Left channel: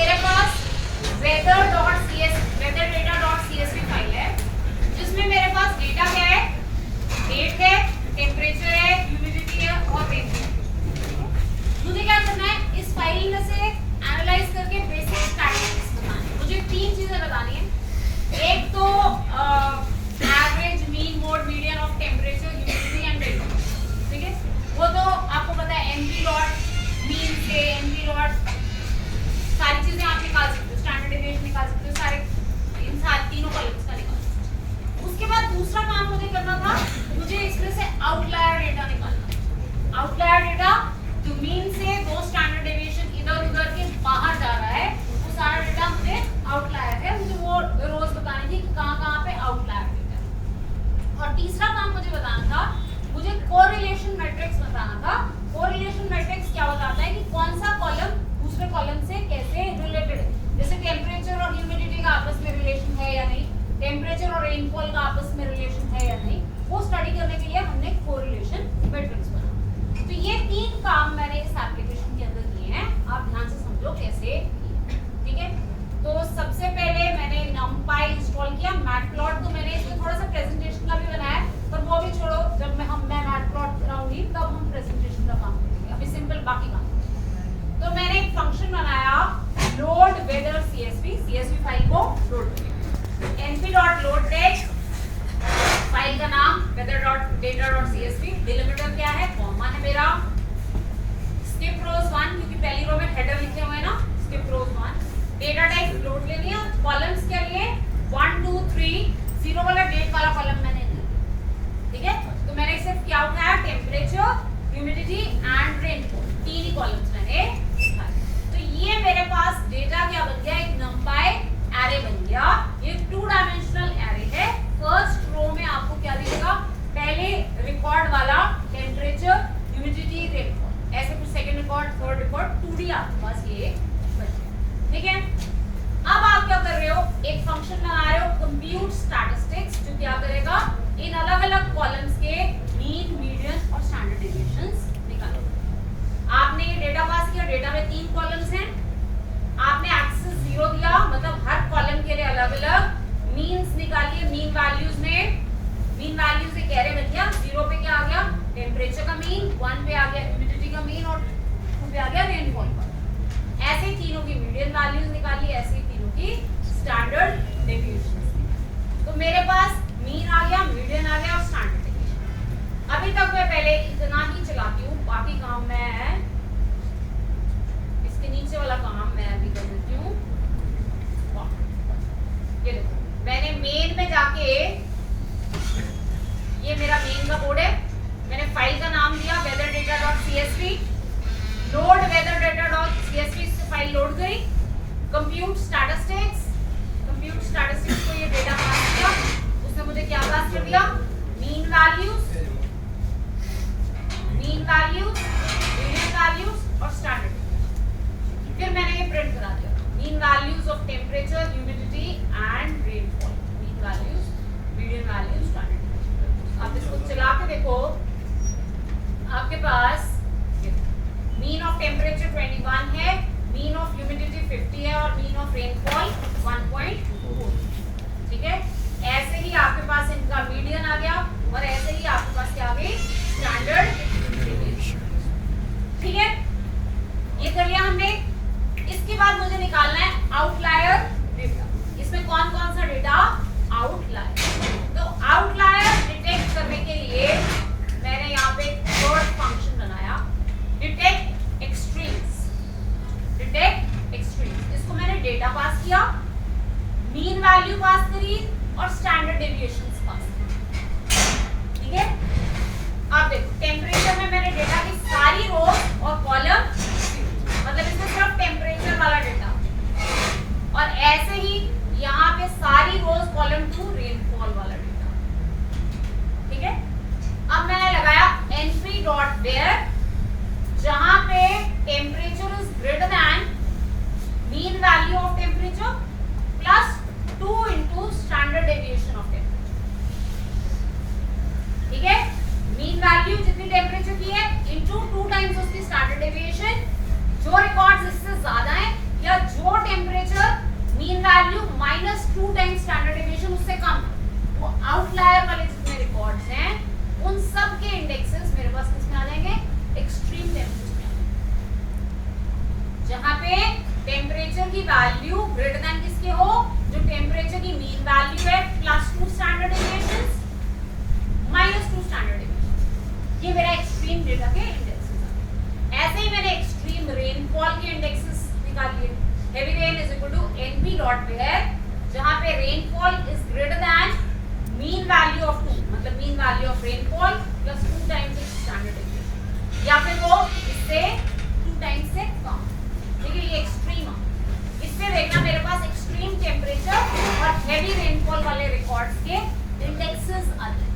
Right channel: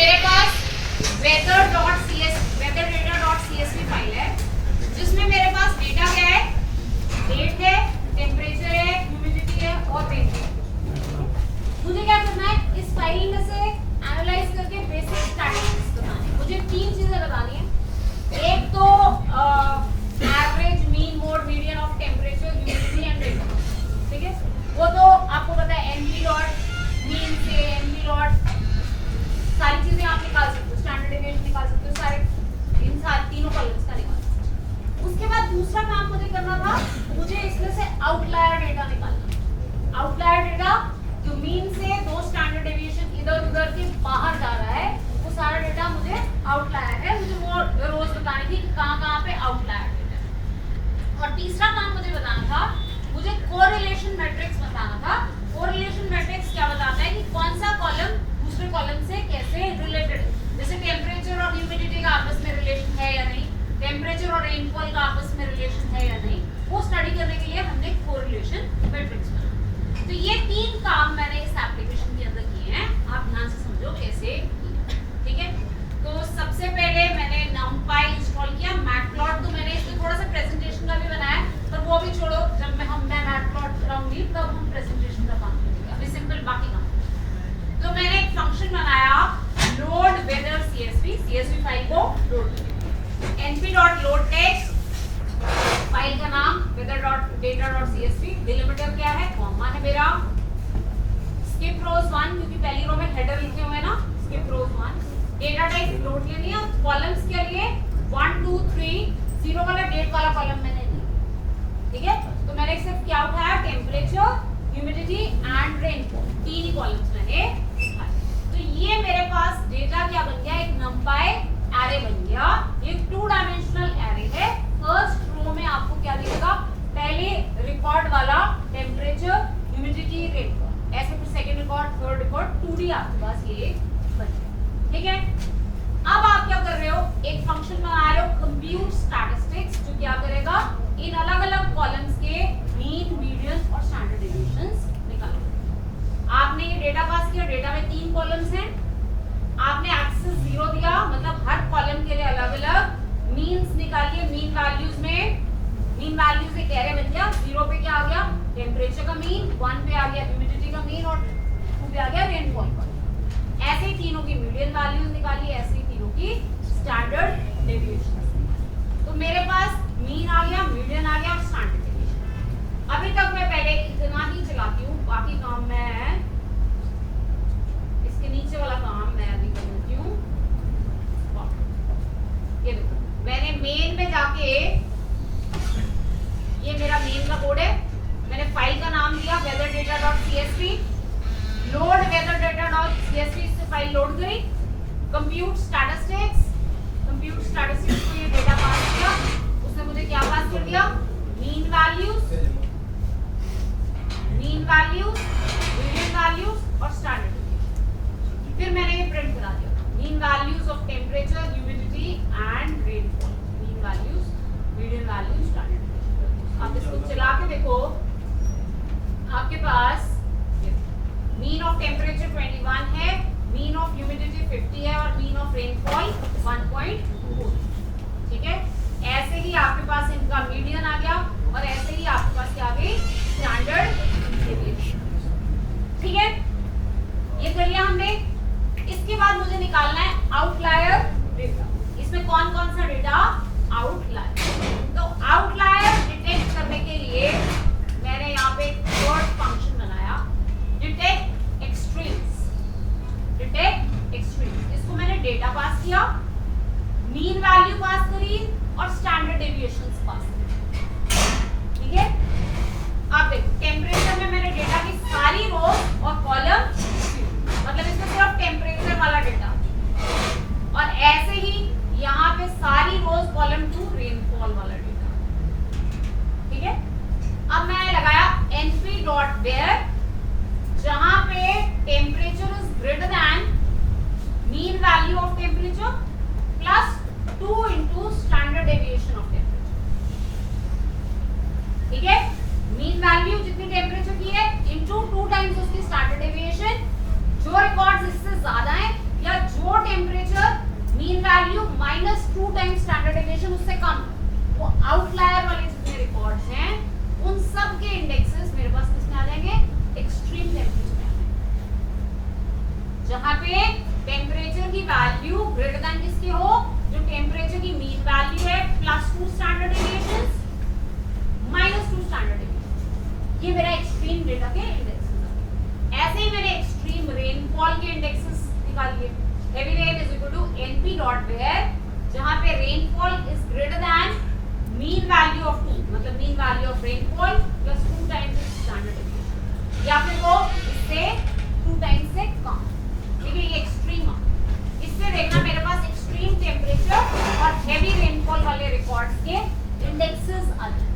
मेरे पास weather.csv file है जिसमें मेरे पास डेटा क्या है, डेट है, टेम्परेचर है, ह्यूमिडिटी है और रेन है। मुझे क्या करना है, इस फाइल में से एनालाइज करके बेसिक स्टैटिस्टिक्स बताने हैं। मुझे तीन चीजें बतानी है। एक तो average, mean, mode, median of temperature, humidity and rain. ठीक है, वो तो आपको पता है, एमपी डॉट मीन से एमपी डॉट सारी चीजें आप निकाल सकते हो, स्टैंडर्ड डेविएशन निकाल सकते हो, सारे इन सारे तीनों कॉलम्स का निकाल। उसके बाद दूसरा काम मुझे करना था, मुझे इसमें से आउटलायर डेटा निकालना। आउटलायर डेटा जो मीन से दो स्टैंडर्ड डेविएशन इधर उधर के बाहर जा रहा है, वो सारा डेटा मुझे आउटलायर है। मुझे वो रोज बतानी थी कि कहाँ पे आउटलायर डेटा है। और तीसरा काम मुझे बताना था, मुझे कोरिलेशन मैट्रिक्स बताना था। कोरिलेशन मैट्रिक्स क्या बताता है कि कौन सा कॉलम दूसरे कॉलम से कैसे रिलेटेड है। जैसे टेम्परेचर और ह्यूमिडिटी का आपस में रिलेशन है या नहीं, टेम्परेचर और रेनफॉल का आपस में रिलेशन है या नहीं, वो स्टडी करने के लिए हमने कोरिलेशन मैट्रिक्स बनाया। तो ये तीन काम मैंने इस एप्लीकेशन के अंदर किए हैं, आप ध्यान से समझो कैसे। ठीक है, तो सबसे पहले मैंने numpy इंस्टॉल किया। मैटप्लॉट तो मैंने इसमें थोड़ा सा प्रेजेंटेशन का भी बनाया, पर वो भी छोड़ो, जब मैं मैटप्लॉट कराऊंगी तब हम प्रेजेंटेशन का काम करेंगे, अभी सिंपल बाकी काम। तो मैंने एक फंक्शन बनाया, लोड वेदर सीएसवी फाइल को लोड किया। np.load text, फाइल का नाम weather.data.csv, डिलिमिटर क्या है, कॉमा है मेरा, skip rows 1 क्योंकि पहली रो में हेडर लिखे हुए हैं ना, skip rows 1, data type load ले लिया। कॉलम्स के लिए 1 2 3, 0 वाला डेट वाला कॉलम मैंने लिया। ठीक है, तो मैंने सिर्फ क्या उठाया, टेम्परेचर, ह्यूमिडिटी एंड रेनफॉल, तीन ही कॉलम्स मैंने उठाए। तो ये मेरे पास डेटा क्या बन गया, एक numpy एरे बन गया। ये 2 डायमेंशनल एरे है। फर्स्ट रो में आपको क्या दिखेगा, पहले रिकॉर्ड वाला टेम्परेचर, ह्यूमिडिटी, रेनफॉल, ऐसे कुछ second record, third record, 2D आपके पास ये बचे। ठीक है, अब आप क्या कर रहे हो, एक फंक्शन बना रहे हो कंप्यूट स्टैटिस्टिक्स, जो क्या करेगा, इन अलग अलग कॉलम्स के मीन, मीडियन और स्टैंडर्ड डेविएशंस निकालो। आपने ये डेटा पास किया, डेटा में 3 कॉलम्स हैं, आपने एक्सेस 0 दिया, मतलब हर कॉलम के लिए अलग अलग मीन्स निकालिए। मीन वैल्यूज एक एरे बन गया। 0 पे क्या आ गया, टेम्परेचर का मीन, 1 पे आ गया ह्यूमिडिटी का मीन और 2 पे आ गया रेनफॉल का। ऐसे ही तीनों की मीडियन वैल्यूज निकालिए, ऐसे ही तीनों की स्टैंडर्ड डेविएशन। तो मेरे पास मीन आ गया, मीडियन आ गया और स्टैंडर्ड डेविएशन। अभी तक मैं पहले इतना ही चलाती हूँ, बाकी काम मैं इसके नीचे वाला काम मैं अभी कर देती हूँ। ये देखो, मैंने मेन में जाके, ये मेरा मेन का कोड है, मैंने फाइल का नाम दिया weather.data.csv, लोड weather.data.csv से फाइल लोड करी। कंप्यूट स्टैटिस्टिक्स को ये डेटा पास किया, उसने मुझे क्या पास कर दिया, मीन वैल्यूज, मीडियन वैल्यूज और स्टैंडर्ड। फिर मैंने ये प्रिंट करा दिया, mean values of temperature, humidity and rainfall, mean values, median values, standard. आप इसको चला के देखो, आपके पास मीन ऑफ टेम्परेचर 21 है, मीन ऑफ ह्यूमिडिटी 50 है और मीन ऑफ रेनफॉल 1.2। ठीक है, ऐसे ही आपके पास इनका मीडियन आ गया और ऐसे ही आपके पास क्या आ गई, स्टैंडर्ड डेविएशन। ठीक है, ये कर लिया हमने। इसके बाद मुझे निकालना है आउटलायर डेटा। इसमें कौन कौन सा डेटा, आउटलायर। तो आउटलायर डिटेक्ट करने के लिए मैंने यहाँ पे एक थर्ड फंक्शन बनाया, डिटेक्ट एक्सट्रीम्स। इसको मैंने डेटा पास किया, मीन वैल्यू पास करी और स्टैंडर्ड डेविएशंस पास करी। ठीक है, आप देखो टेम्परेचर में मैंने डेटा की सारी रो और कॉलम, मतलब इसमें सिर्फ टेम्परेचर वाला डेटा, और ऐसे ही यहाँ पे सारी रोज कॉलम 2 रेनफॉल वाला डेटा। ठीक है, अब मैंने लगाया np.where, जहां पे temperature is greater than mean value of temperature plus 2 into standard deviation of temperature. ठीक है, मीन वैल्यू जितनी टेम्परेचर की है इनटू 2 टाइम्स उसकी स्टैंडर्ड डेविएशन। जो रिकॉर्ड्स इससे ज्यादा हैं या जो -2 टाइम्स स्टैंडर्ड डेविएशन उससे कम, वो आउटलायर वाले जितने रिकॉर्ड्स हैं उन सब के इंडेक्सेस मेरे पास किसमें आ जाएंगे, एक्सट्रीम टेम्परेचर में। जहां पे टेम्परेचर की वैल्यू ग्रेटर देन किसके हो, जो टेम्परेचर की मीन वैल्यू है +2 स्टैंडर्ड डेविएशन -2 स्टैंडर्ड डेविएशन, ये मेरा एक्सट्रीम डेटा के इंडेक्सेस आ गए। ऐसे ही मैंने एक्सट्रीम रेनफॉल के इंडेक्सेस निकाल लिए। Heavy rain is equal to NP dot where, जहां पे rainfall is greater than mean value of 2, मतलब mean value of rainfall plus 2 times standard deviation, या फिर वो इससे 2 टाइम्स से कम। ठीक है, ये एक्सट्रीम है। इसमें देखना मेरे पास एक्सट्रीम टेम्परेचर और हेवी रेनफॉल वाले रिकॉर्ड्स के इंडेक्सेस आते हैं।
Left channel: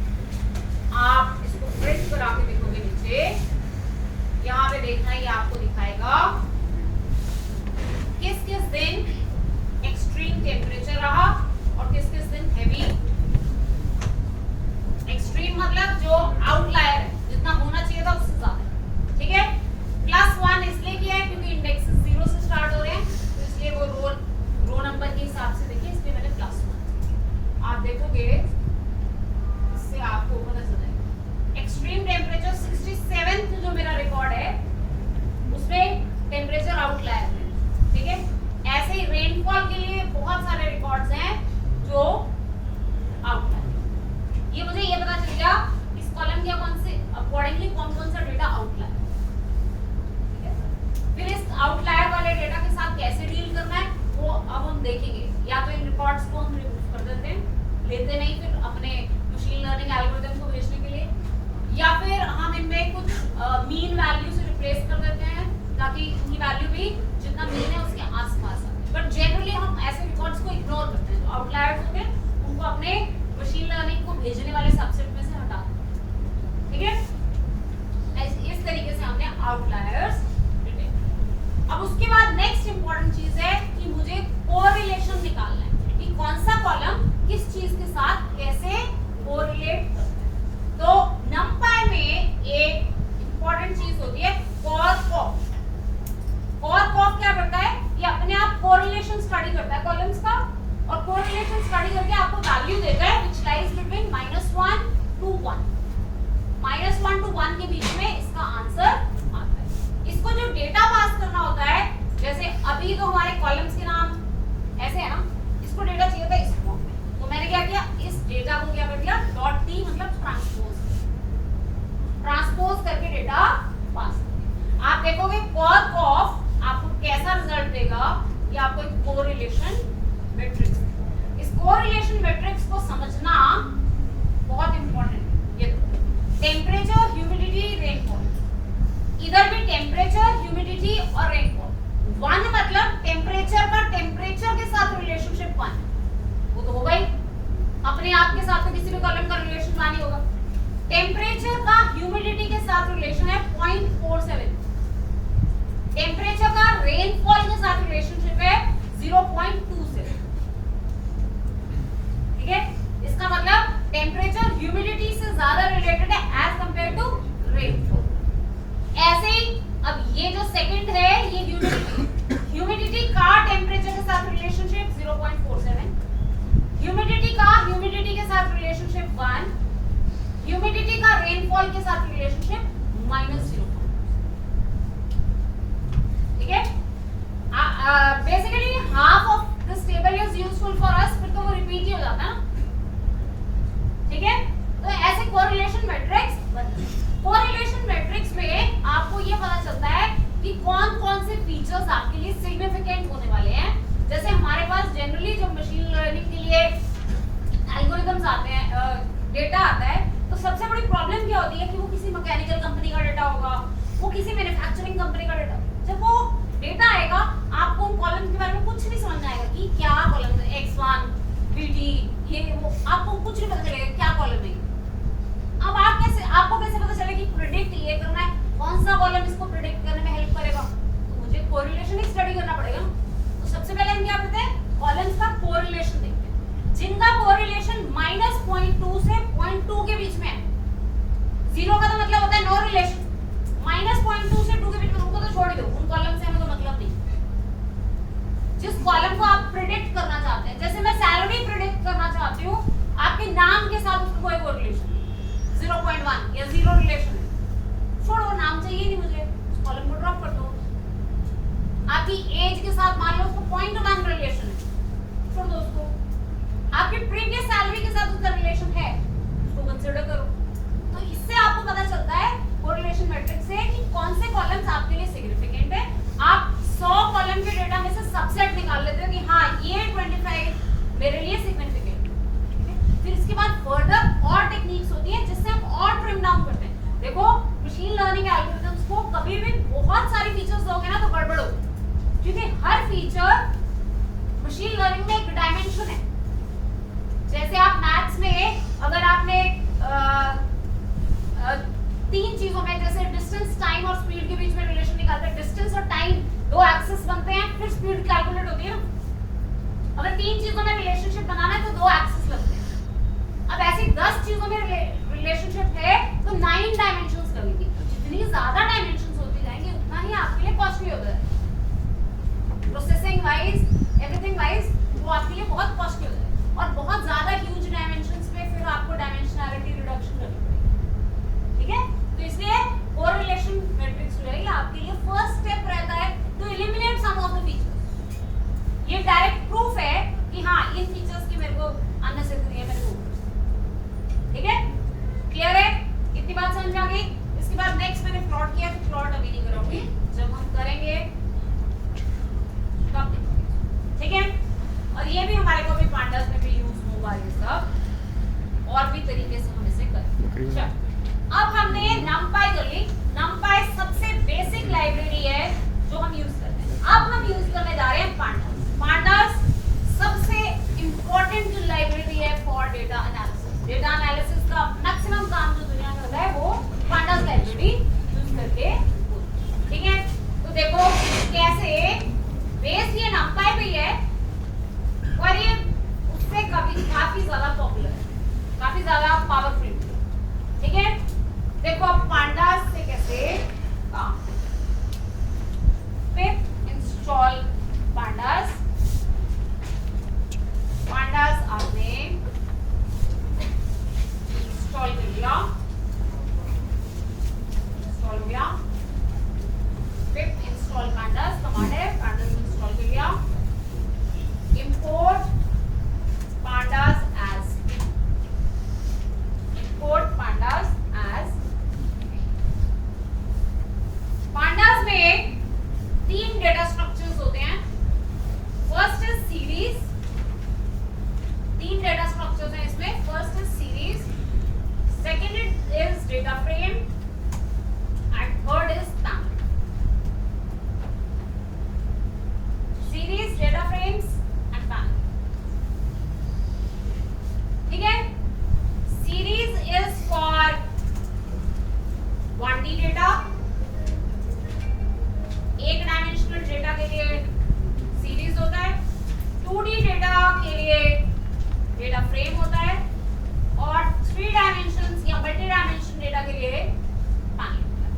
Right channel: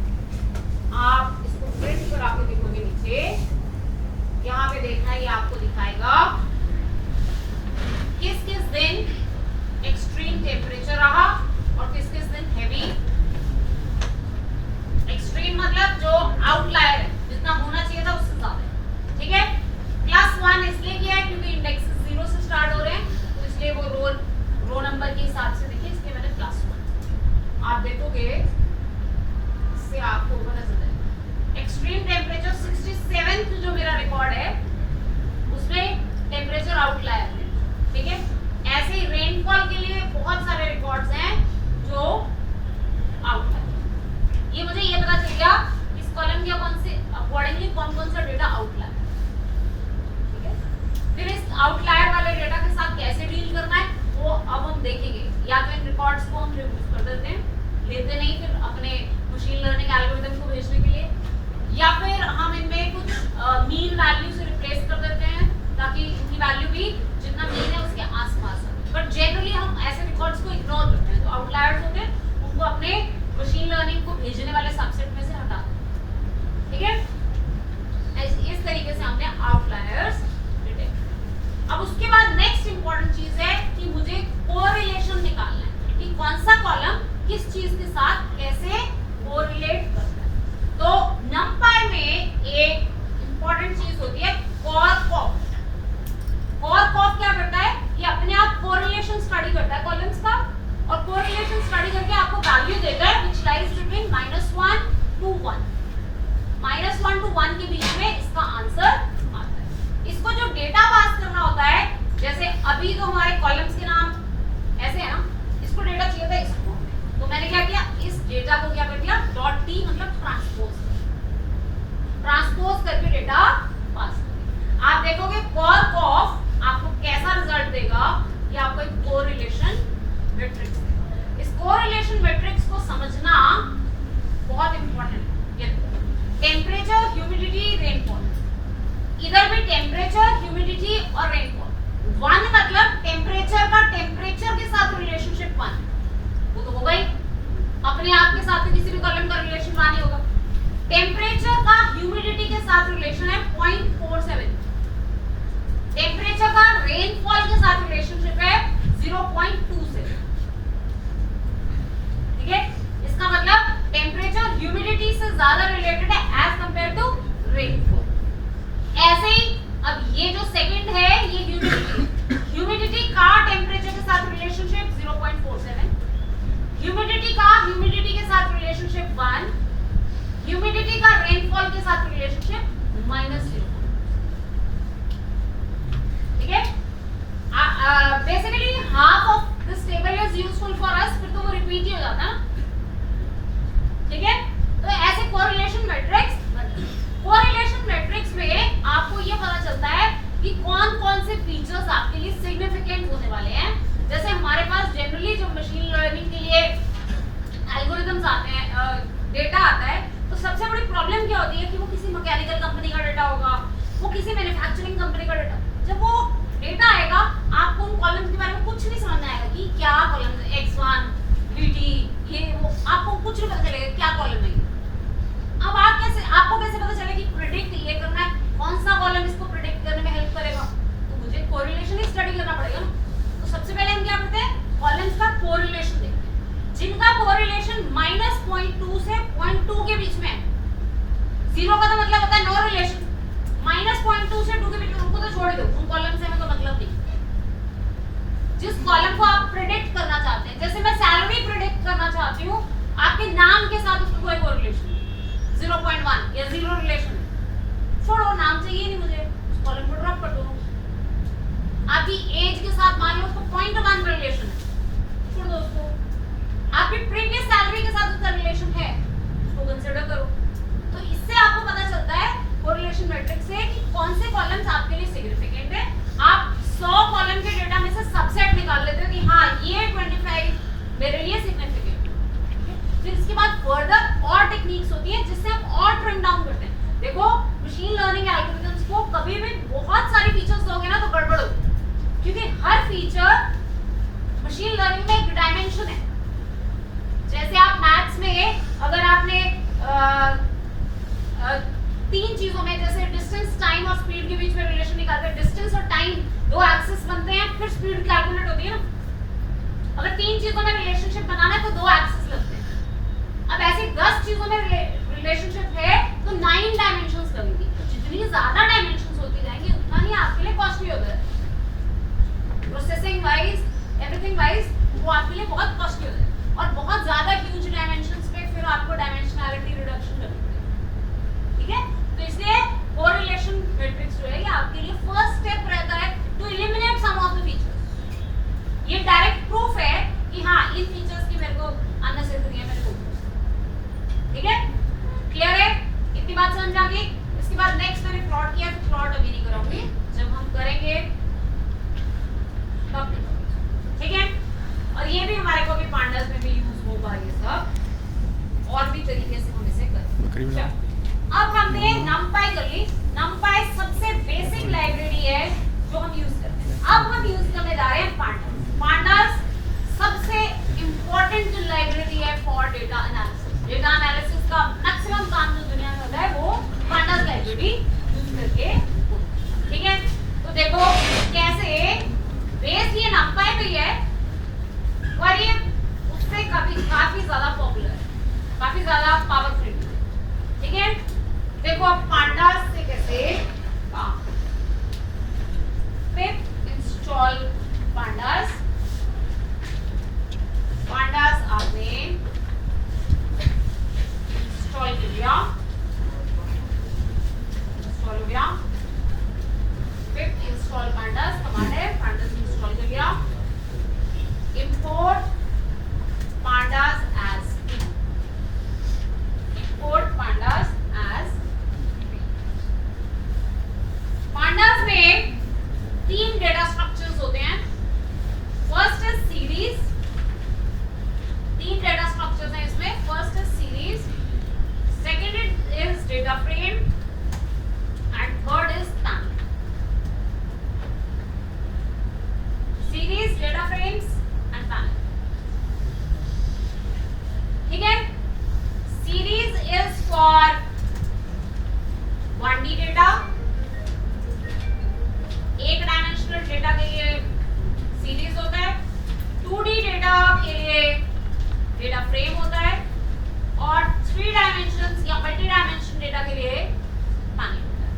आप इसको प्रिंट करा के देखोगे नीचे, यहाँ पे देखना ये आपको दिखाएगा किस किस दिन एक्सट्रीम टेम्परेचर रहा और किस किस दिन हेवी। एक्सट्रीम मतलब जो आउटलायर है, जितना होना चाहिए था उससे ज्यादा। ठीक है, +1 इसलिए किया है क्योंकि इंडेक्स 0 से स्टार्ट हो रहे हैं, तो इसलिए वो रो नंबर के हिसाब से देखिए, इसलिए मैंने +1। आप देखोगे इससे आपको पता चल जाएगा। एक्सट्रीम टेम्परेचर 67 जो मेरा रिकॉर्ड है उसमें टेम्परेचर आउटलायर है। ठीक है, ऐसे ही रेनफॉल के लिए बहुत सारे रिकॉर्ड्स हैं जो आउटलायर। ये मुझे ये पता चल गया इस कॉलम के कौन से अकॉर्डिंगली कौन कौन सा डेटा आउटलायर। ठीक है, फिर इस आउटलायर वाले डेटा के साथ कैसे डील करना है वो अब हम देखेंगे। या तो इन रिकॉर्ड्स को हम रिमूव कर देते हैं, लेते नहीं फिर अपने मशीन लर्निंग एल्गोरिथम को भेजने के लिए, या फिर हम इनमें कुछ मीन वैल्यू से रिप्लेस कर देते हैं ताकि इनकी वैल्यू भी जितना मीन है उसके आसपास आए। बट जनरली हम ऐसे रिकॉर्ड्स को इग्नोर करते हैं, तो आउटलायर्स होते हैं उनको अपने मशीन लर्निंग को भेजने वाले सबसेट में से हटा दें। ठीक है, इस तरीके से हमने आउटलायर्स डिटेक्ट। अब उसके बाद नेक्स्ट इंपॉर्टेंट चीज है कि मुझे कोरिलेशन निकालना है कि कौन सा कॉलम किस चीज के साथ कैसे कोरिलेट करता है। तो नंपाई में एक इंपॉर्टेंट चीज होती है कॉरकॉफ। कॉरकॉफ क्या करता है, ये अपने आप कोरिलेशन स्टडी करता है कॉलम्स का, और कोरिलेशन स्टडी करके आपको वैल्यू देता है which lies between -1 to 1। -1 to 1 के बीच में इसका आंसर आता है। इसको जो डेटा पास करना होता है, जैसे अभी तो हमारे कॉलम्स के नाम ऐसे है ना, इसको डेटा चाहिए था इस फॉर्म में, तो मैंने क्या किया, इस डेटा को क्या कर दिया .t मतलब ट्रांसपोज करके डेटा पास कर दिया। आप देखोगे कॉरकॉफ आपको कैसा रिजल्ट देगा, ये आपको एक कोरिलेशन मैट्रिक्स देगा। इस कोरिलेशन मैट्रिक्स को समझना बहुत इंपॉर्टेंट है। टेम्परेचर, ह्यूमिडिटी, रेनफॉल, इधर भी टेम्परेचर, ह्यूमिडिटी और रेनफॉल। 1 मतलब टेम्परेचर का टेम्परेचर के साथ रिलेशनशिप 1, वो तो होगा ही, अपने आप के साथ तो किसी भी कॉलम का रिलेशन 1 ही होगा। टेम्परेचर का ह्यूमिडिटी के साथ रिलेशन है 0.47। टेम्परेचर का रेनफॉल के साथ रिलेशनशिप है 0.27। ठीक है, इसका मतलब टेम्परेचर ह्यूमिडिटी से ज्यादा रिलेटेड है एज कंपेयर टू रेनफॉल। ऐसे ही अब ये जो सेकंड है ये ह्यूमिडिटी, ह्यूमिडिटी का टेम्परेचर के साथ रिलेशनशिप 0.47, ह्यूमिडिटी का ह्यूमिडिटी के साथ रिलेशनशिप 1, ह्यूमिडिटी का रेनफॉल के साथ रिलेशनशिप -0। ठीक है, basically half of this table is useful for us, फिर तो वो रिपीट ही हो जाता है ना। ठीक है, तो ऐसे कोरिलेशन मैट्रिक्स बनते हैं। कोरिलेशन मैट्रिक्स में आपको ये पता चलता है कि कौन कौन से फीचर्स आपके लिए सिग्निफिकेंट होने वाले हैं। जैसे हमारे पास जनरली जो मशीन लर्निंग के लिए एल्गोरिथम्स आते हैं, डेटा आता है, तो सबसे बड़ी प्रॉब्लम क्या होती है कि वो किसी मैकेनिकल कंपनी का डेटा होगा, वो किसी मैन्युफैक्चरिंग कंपनी का डेटा। जब वो डेटा आएगा आपको उन कॉलम्स के बारे में कुछ नहीं समझ में आएगा कि क्या कॉलम है, x1 dt, ये वो आपको कुछ नहीं पता चलेगा क्या कॉलम है। अब आपको कैसे पता चलेगा कि प्रेडिक्ट ये करना है, कौन सा कॉलम इसको प्रेडिक्ट करने में हेल्प करेगा, तो मुझे कोरिलेशन ही स्टडी करना पड़ेगा। तो सबसे पहले हम क्या करते हैं, कॉलम्स का कोरिलेशन देखते हैं, जिनका कोरिलेशन -0.2 से 0.2 के बीच में है। 0 का तो मतलब होता है नो रिलेशन, -0.2 से 2 के बीच में, उनको तो छोड़ दो, उन कॉलम से हमें कोई मतलब नहीं। जिस कॉलम को आप प्रेडिक्ट करना चाहते हैं, जैसे मैं आपके नाम के साथ उसका कोई कोरिलेशन 0.1 या 0 रिलेशन है, छोड़ो, नाम चाहिए नहीं मुझे, उस कॉलम को ड्रॉप कर दो। आपकी एज के साथ मान लो उसको 0.1 रिलेशन है, छोड़ दो उसको। आपकी प्रीवियस सैलरी के साथ उसका रिलेशन है, उसको कंसीडर करो। तो इससे आपको पता चलता है कोरिलेशन मैट्रिक्स से कि कौन से कॉलम्स आपके लिए सिग्निफिकेंट है। आप 100 कॉलम के डेटा में से सबसेट निकाल लेते हो कि हाँ ये 25 मेरे लिए सिग्निफिकेंट है। फिर इसके बाद फर्दर और टेक्निक्स होती है जिससे हम और ट्रिम डाउन करते हैं। देखो मशीन लर्निंग एल्गोरिथम्स को कभी भी बहुत सारी फीचर्स दोगे ना तो गड़बड़ होगी, क्योंकि हर फीचर मशीन लर्निंग में एक डायमेंशन है। जैसे आप मैथ्स में अगर आपने 3 चीजों में जैसे डिस्टेंस, टाइम और स्पीड के बीच में रिलेशन निकालते हैं, डिस्टेंस और टाइम 2 एक्सिस बनते हैं, फिर स्पीड कैलकुलेट होती है ना। अगर 3 चीजों में रिलेशनशिप बनाना है तो 2 एक्सिस लगते हैं। अब ऐसे 10 चीजों में रिलेशनशिप है तो 9 डायमेंशंस लगेंगी। जितनी ज्यादा डायमेंशंस होती जाएंगी उतना ही आपके लिए कॉस्टली होता है, प्रोसेसिंग वाइज, एवरीथिंग वाइज वो आपके लिए बहुत कॉस्टली होता है। और बहुत ज्यादा ह्यूज डायमेंशंस पे फिर आपको डायमेंशनैलिटी रिडक्शन करनी पड़ेगी, ठीक है। तो इसलिए कोरिलेशन मैट्रिक्स जो है ये आपके लिए फर्स्ट स्टेप रहता है to eliminate some of the features. ये डायरेक्ट प्रूफ है कि हाँ इन फीचर्स की मेरे को अननेसेसरी है, मेरे को, ठीक है। क्लियर है, इतनी बात समझ आ गई। इसके बाद नेक्स्ट मैंने प्लॉट किया, तो प्लॉट अभी नहीं करूंगी, जब हम करेंगे तब, ठीक है। और ये भी हमारे को भी पांडास में भी यूज होगा ये सब, और भी तरीके से हम इसे करेंगे। अब हमने numpy कर ली। numpy सबसे बेसिक लाइब्रेरी है जो हम यूज करते हैं। अब हम यूज करने जा रहे हैं pandas। pandas सबसे इंपॉर्टेंट लाइब्रेरी है for data analysis. Data analysis का मैक्सिमम काम जो दुनिया में होता है वो pandas लाइब्रेरी यूज करके, ठीक है। तो देखो कैसे बेस ये numpy पे है और ये उससे काफी ज्यादा पॉपुलर है, काफी ज्यादा पावरफुल, ठीक है। देखो अब pandas से कैसे काम, पिप इंस्टॉल pandas। pandas आपने इंस्टॉल कर लिया, इंस्टॉल हो गया। पिप इंस्टॉल pandas कमांड है, pandas इंस्टॉल कर लिया। import pandas as, import pandas as। pandas में 3 डेटा स्ट्रक्चर्स होते हैं। First is series, 3 data structures हैं इसमें। First is series, second is data frame and third is panel. Series, data frames and panel, ठीक है। Series is for 1D data, एक dimensional data के लिए सीरीज होता है, 2D डेटा के लिए डेटा फ्रेम होता है, और 3 डायमेंशंस या मल्टी डायमेंशन डेटा के लिए पैनल होता है।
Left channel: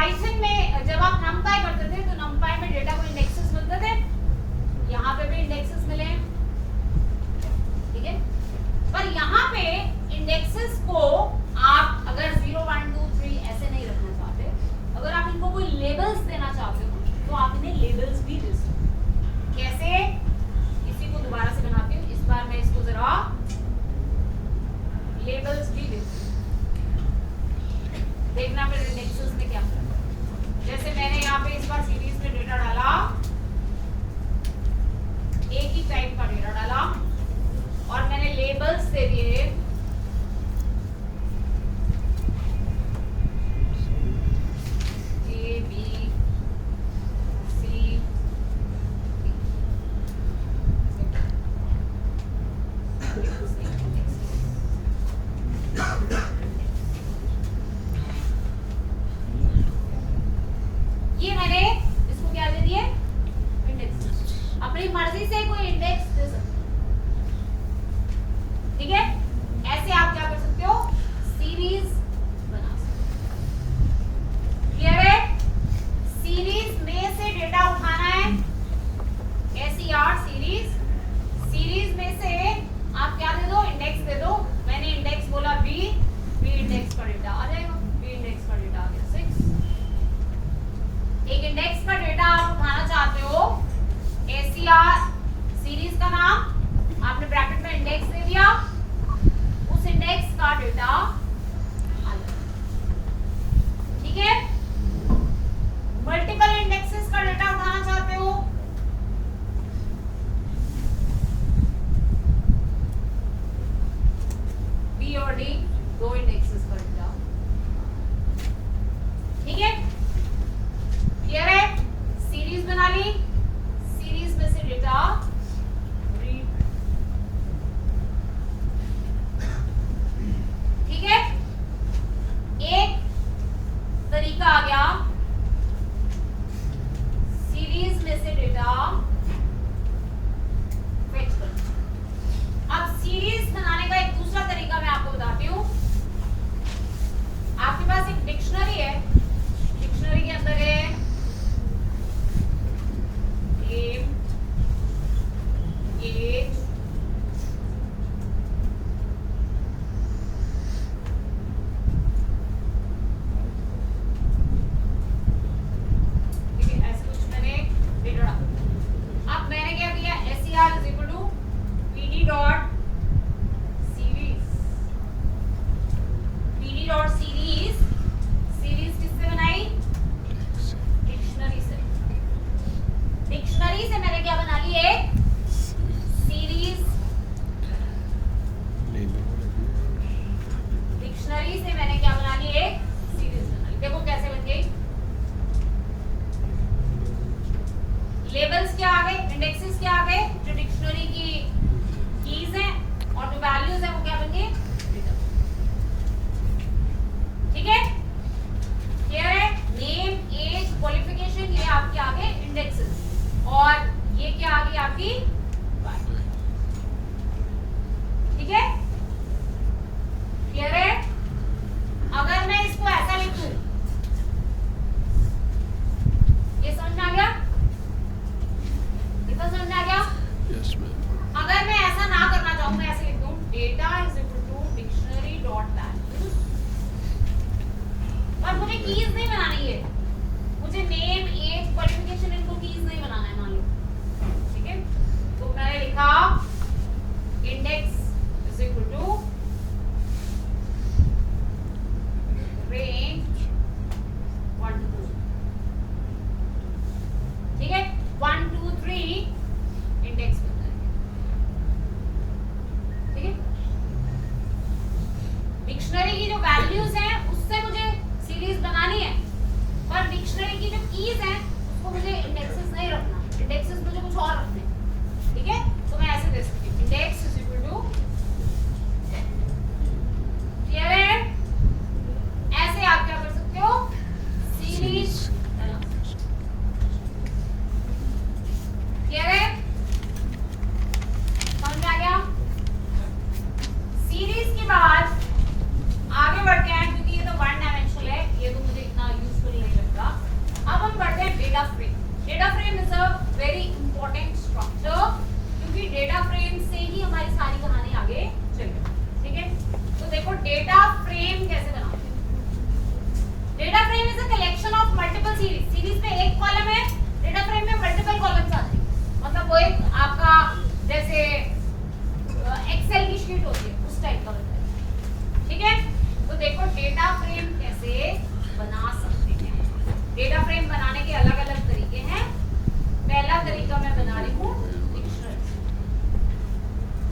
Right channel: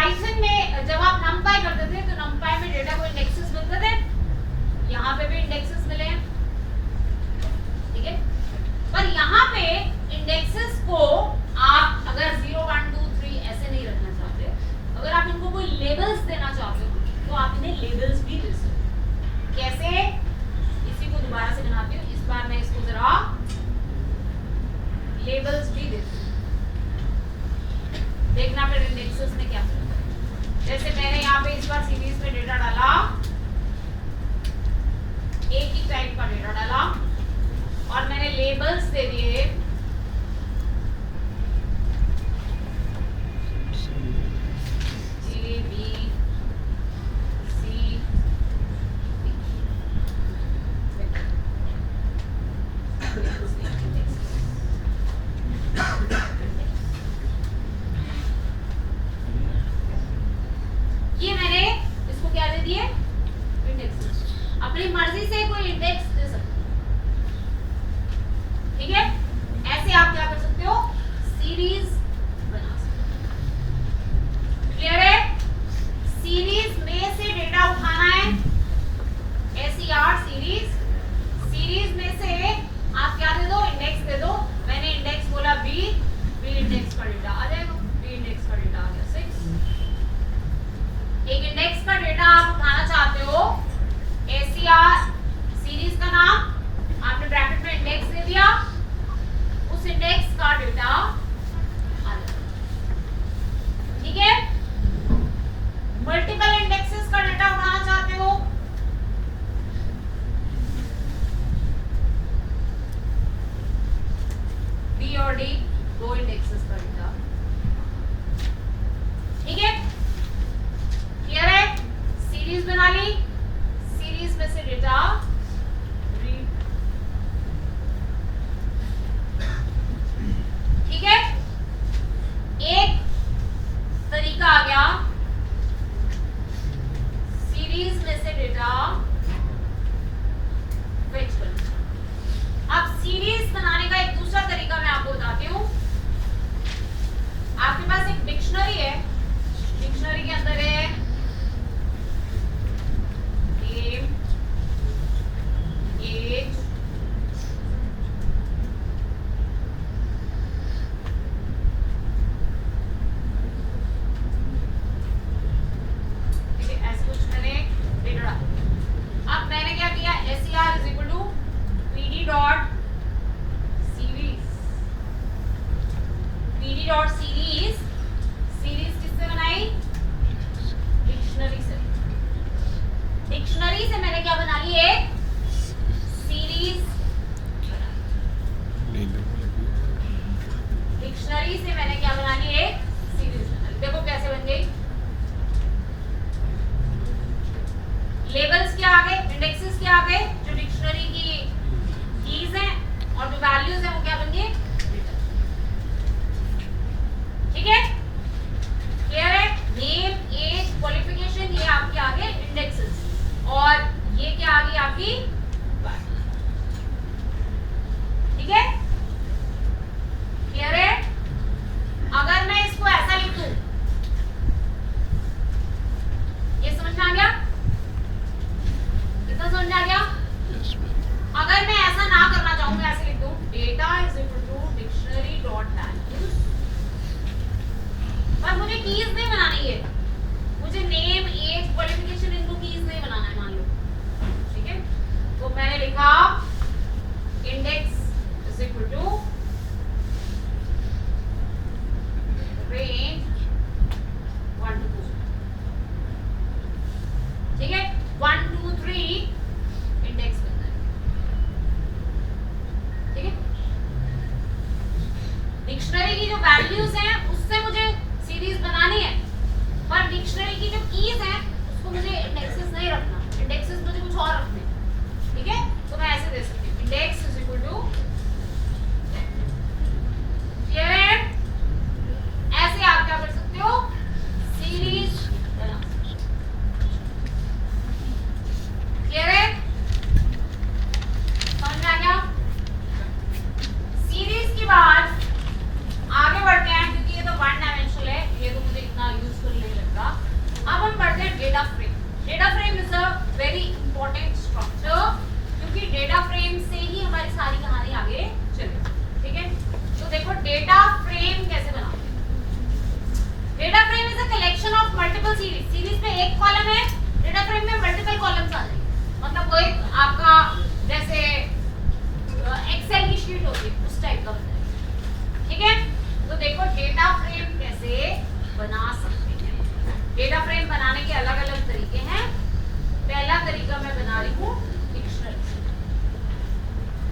पाइथन में जब आप numpy करते थे तो numpy में डेटा को इंडेक्सेस मिलते थे, यहाँ पे भी इंडेक्सेस मिले हैं, ठीक है। पर यहाँ पे इंडेक्सेस को आप अगर 0 1 2 3 ऐसे नहीं रखना चाहते, अगर आप इनको कोई लेबल्स देना चाहते हो तो आप इन्हें लेबल्स भी दे सकते हो। कैसे? इसी को दोबारा से बनाती हूँ, इस बार मैं इसको जरा लेबल्स भी देती हूँ, देखना फिर इंडेक्सेस ने क्या किया। जैसे मैंने यहाँ पे इस बार सीरीज में डेटा डाला, एक ही टाइप का डेटा डाला और मैंने लेबल्स दे दिए A B C ये मैंने इसको क्या दे दिए? इंडेक्स। अपनी मर्जी से कोई इंडेक्स दे सकते हो, ठीक है। ऐसे आप क्या कर सकते हो? सीरीज बना सकते हो। क्लियर है? सीरीज में से डेटा उठाना है, SER सीरीज, सीरीज में से आप क्या दे दो? इंडेक्स दे दो। मैंने इंडेक्स बोला B इंडेक्स का डेटा आ जाएगा, B इंडेक्स का डेटा आ गया 6। एक इंडेक्स का डेटा आप उठाना चाहते हो, SER सीरीज का नाम आपने ब्रैकेट में इंडेक्स दे दिया, उस इंडेक्स का डेटा आ जाएगा, ठीक है। मल्टीपल इंडेक्सेस का डेटा उठाना चाहते हो, B और D दो इंडेक्सेस का डेटा, ठीक है। क्लियर है? सीरीज बना ली, सीरीज में से डेटा रीड, ठीक है। एक तरीका आ गया सीरीज में से डेटा फेच करना। अब सीरीज बनाने का एक दूसरा तरीका मैं आपको बताती हूँ। आपके पास एक डिक्शनरी है, डिक्शनरी के अंदर है name, age, ठीक है, ऐसे कुछ मैंने डेटा डाला। अब मैंने क्या किया? SER is equal to PD dot series, PD dot series, series किससे बनाई? डिक्शनरी से। डिक्शनरी से मैंने क्या बना ली? एक सीरीज। डिक्शनरी से मैंने क्या बना ली? एक सीरीज बना ली। देखो कैसे बन गई। लेबल्स क्या आ गए? इंडेक्सेस क्या आ गए? जो डिक्शनरी की कीज हैं और जो वैल्यूज हैं वो क्या बन गए? ठीक है, क्लियर है? नेम, एज, क्वालिफिकेशन, ये आपके आगे इंडेक्सेस, और ये क्या आ गई आपकी? ठीक है, क्लियर है? अगर मैं इसको ऐसा लिखूं, ये समझ में आ गया? कितना समझ में आ गया? अगर मैं ऐसा ना करना चाहूं, मैं ऐसे लिख दूं data is equal to dictionary dot values, पर मुझे कीज नहीं बनानी है, मुझे नेम, एज, क्वालिफिकेशन, इनको कीज नहीं बनाना है, मान लो, ठीक है। तो मैंने लिखा index is equal to range 1 2, ठीक है, 1 2 3 इंडेक्स बनता है, ठीक है। डिक्शनरी की जो वैल्यूज हैं उससे मुझे सीरीज बनानी है, पर डिक्शनरी की जो कीज हैं उसको मुझे इंडेक्सेस नहीं रखना, इंडेक्सेस मुझे कुछ और रखने, ठीक है। तो मैं ऐसे दे सकती हूँ index is equal to data frame. Data frame is a very important structure, क्योंकि डेटा फ्रेम से ही हमारी सारी कहानी आगे चलेगी। ठीक है, तो देखो डेटा फ्रेम कैसे बनाते हैं। Data frame is a collection of multiple series. Series में एक कॉलम है, डेटा फ्रेम में मल्टीपल कॉलम्स आ जाएंगे। मतलब वो एक आपका जैसे एक्सेल की शीट होती है उस टाइप का बनता है। ठीक है, तो देखो डेटा फ्रेम कैसे बना सकते हैं। डेटा फ्रेम बनाने के अलग अलग तरीके हैं। पहला तरीका मैं बना रही हूँ डिक्शनरी।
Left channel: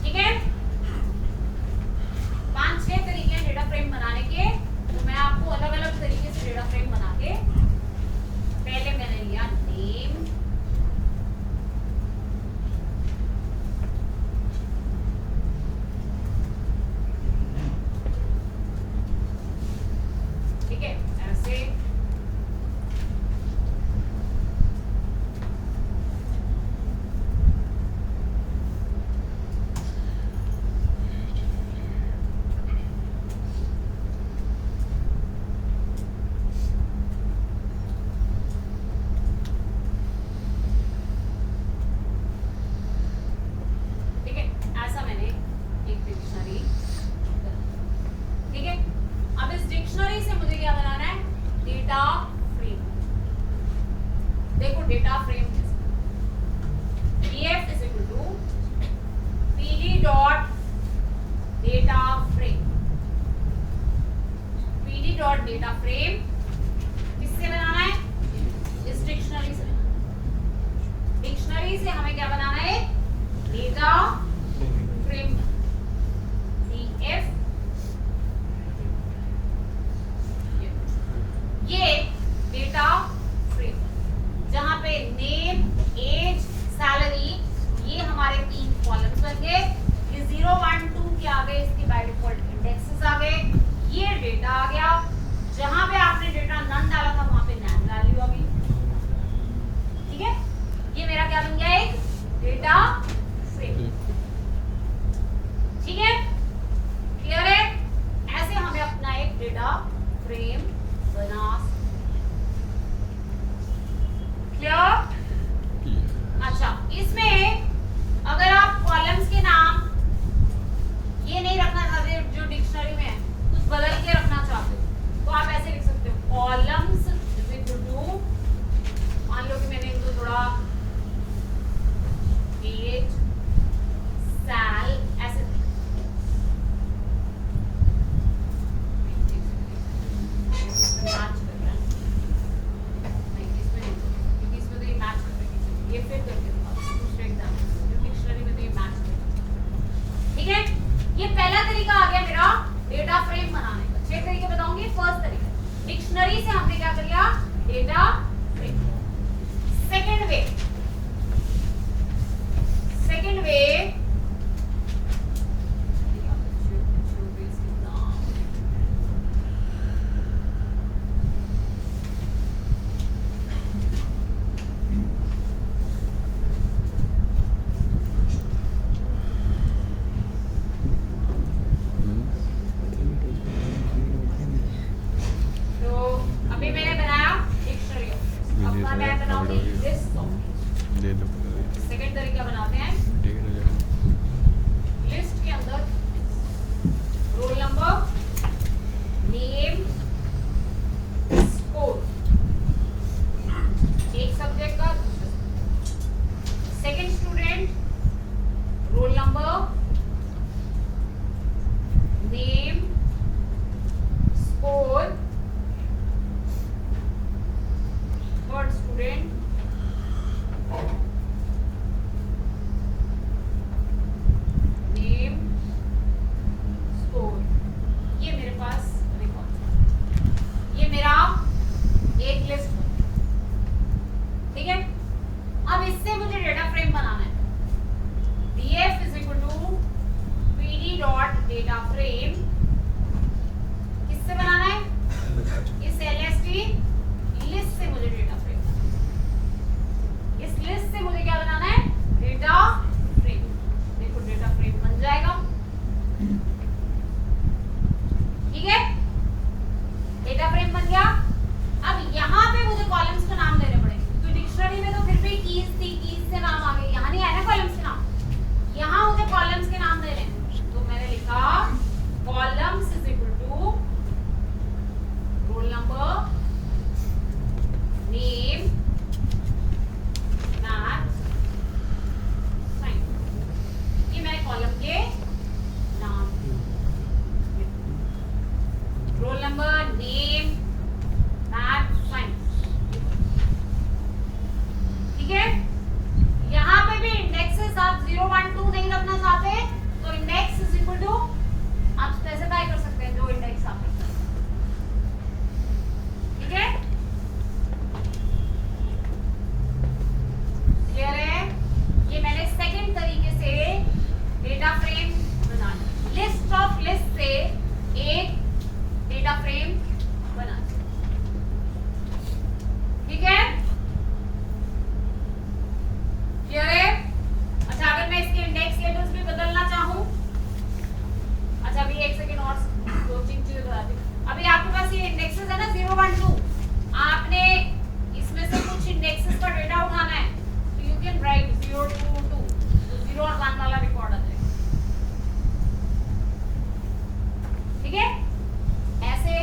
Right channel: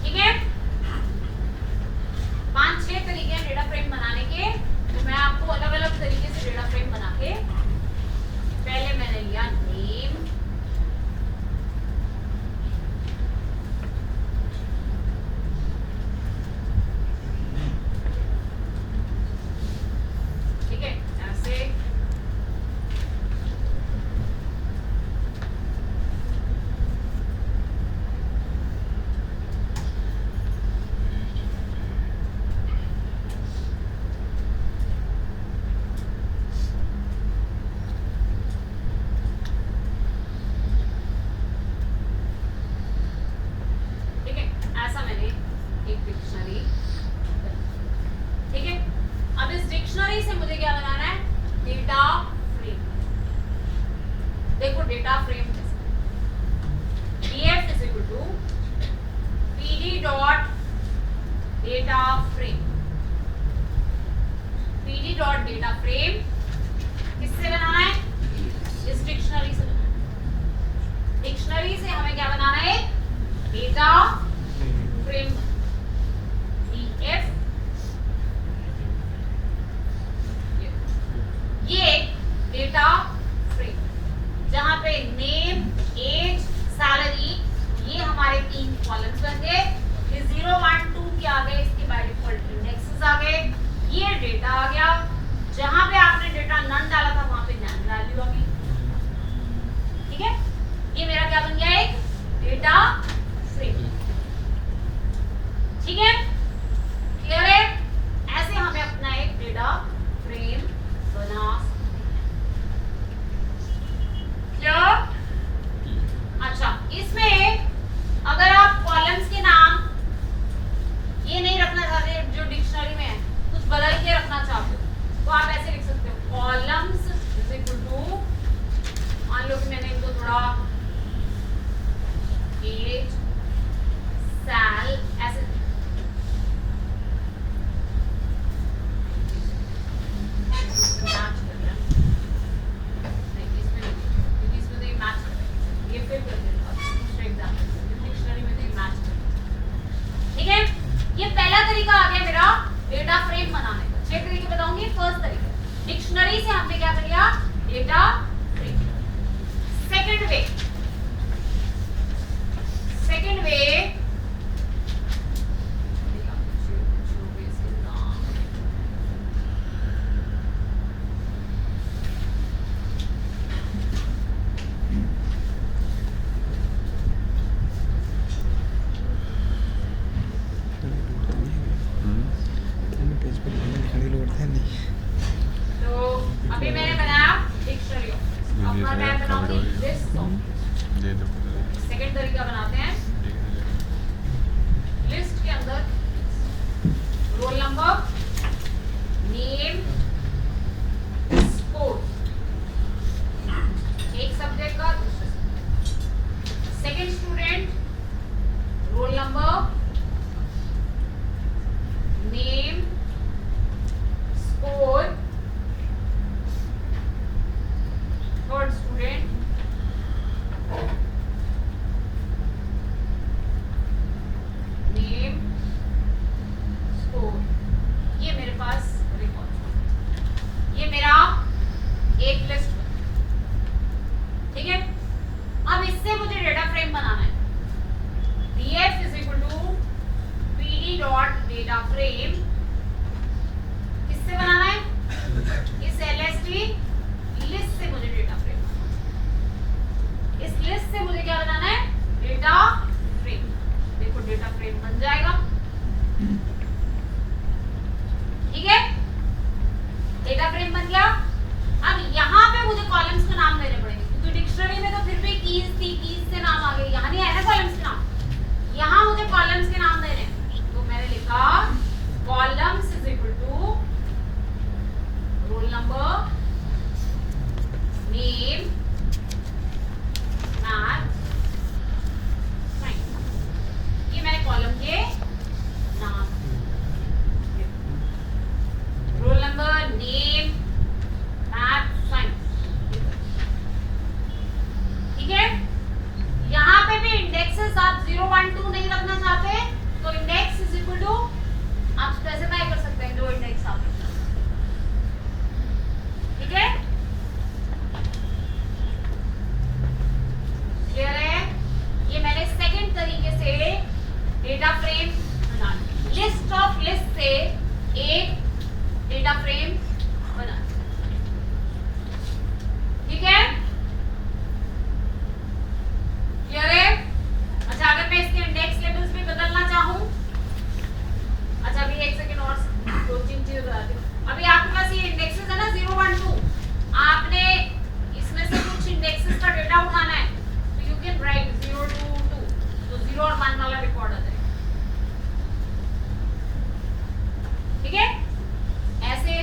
ठीक है, 5-6 तरीके हैं डेटा फ्रेम बनाने के, तो मैं आपको अलग अलग तरीके से डेटा फ्रेम बना के, पहले मैंने लिया नेम, ठीक है, ऐसे डेटा फ्रेम किससे बनाना है? इस डिक्शनरी से बनाना है। डिक्शनरी से हमें क्या बनाना है? Data frame. ये डेटा फ्रेम जहां पे नेम, एज, सैलरी, ये हमारे 3 कॉलम्स बन गए। ये 0, 1, 2 के आ गए, इसके बाय डिफॉल्ट इंडेक्सेस आ गए। ये डेटा आ गया। जहां पे आपने डेटा नन डाला था वहां पे नन वैल्यू आ गई। ठीक है, ये मेरा क्या बन गया? एक डेटा फ्रेम। ठीक है, क्लियर है? ऐसे हमें अपना एक डेटा फ्रेम बना सकते हैं। क्लियर? अच्छा, इसमें अगर आप कॉलम्स के नाम ये नहीं रखना चाहते जो डिक्शनरी में है, कुछ बदल के रखना चाहते हो, तो आप ऐसे लिख सकते हो कॉलम्स इज इक्वल टू, मान लो कि मैंने इनको थोड़ा एज, सैल ऐसे मैच कर रहा है। नहीं, इसमें नहीं, क्योंकि इसमें तो ये मैच कर रहा है। ये फिर कर देता हूं दूसरे एग्जांपल, डिक्शनरी में तो ये मैच कर रहा है। ठीक है, ये पहला तरीका आ गया मेरा डेटा फ्रेम बनाने का। 6 तरीके बताऊंगी। फर्स्ट तरीका, डिक्शनरी से हमने क्या कर लिया? Data frame. सेकंड वे, अभी मैंने बनाया डिक्शनरी। अब मैं बनाऊंगी लिस्ट ऑफ। सेकंड तरीका बनाते हैं, लिस्ट के अंदर रोल नंबर, नेम, स्कोर, एक सब्जेक्ट का, second student, role number, name, score, third student, name, score. ये मेरे पास रिकॉर्ड, ये मेरा एक लिस्ट। ठीक है, अब इससे मुझे डेटा फ्रेम बनाना है। df is equal to pd dot data frame. किससे बनाना है? इस lst लिस्ट से मुझे डेटा फ्रेम बनाना है। इस लिस्ट से मुझे क्या बनाना है? Data frame. देखो डेटा फ्रेम बन जाएगा। ठीक है, डेटा फ्रेम बन गया। अब यहां पे मुझे कॉलम्स के नाम देने हैं, तो मैंने लिखा columns is equal to roll number, name, math, science. ये मैंने कॉलम के नाम, roll number, name, math, science. ठीक है, यहाँ पे भी इंडेक्सेस आप 0 1 2 नहीं रखना चाहते तो इंडेक्स इज इक्वल टू आप स्पेसिफाई कर सकते हैं जो इंडेक्स आप रखना। ठीक है, क्लियर है? ये मैंने सेकंड तरीके से डेटा फ्रेम बना ली। लिस्ट ऑफ लिस्ट से एक डेटा फ्रेम बना। ठीक है, क्लियर है? अच्छा, अगर मैं इसके इंडेक्स लेवल्स भी बदलना चाहूं, अच्छा अभी एक सेकंड और दो तीन चीजें बताती हूँ। अभी आपके पास ये इंडेक्सेस है ना 0 1 2, आपने इसमें से कुछ इंडेक्सेस का डेटा उठाना है तो यू कैन राइट 0 2 2, तो 0 और 1 वाला रिकॉर्ड आ जाएगा। ठीक है, ऐसे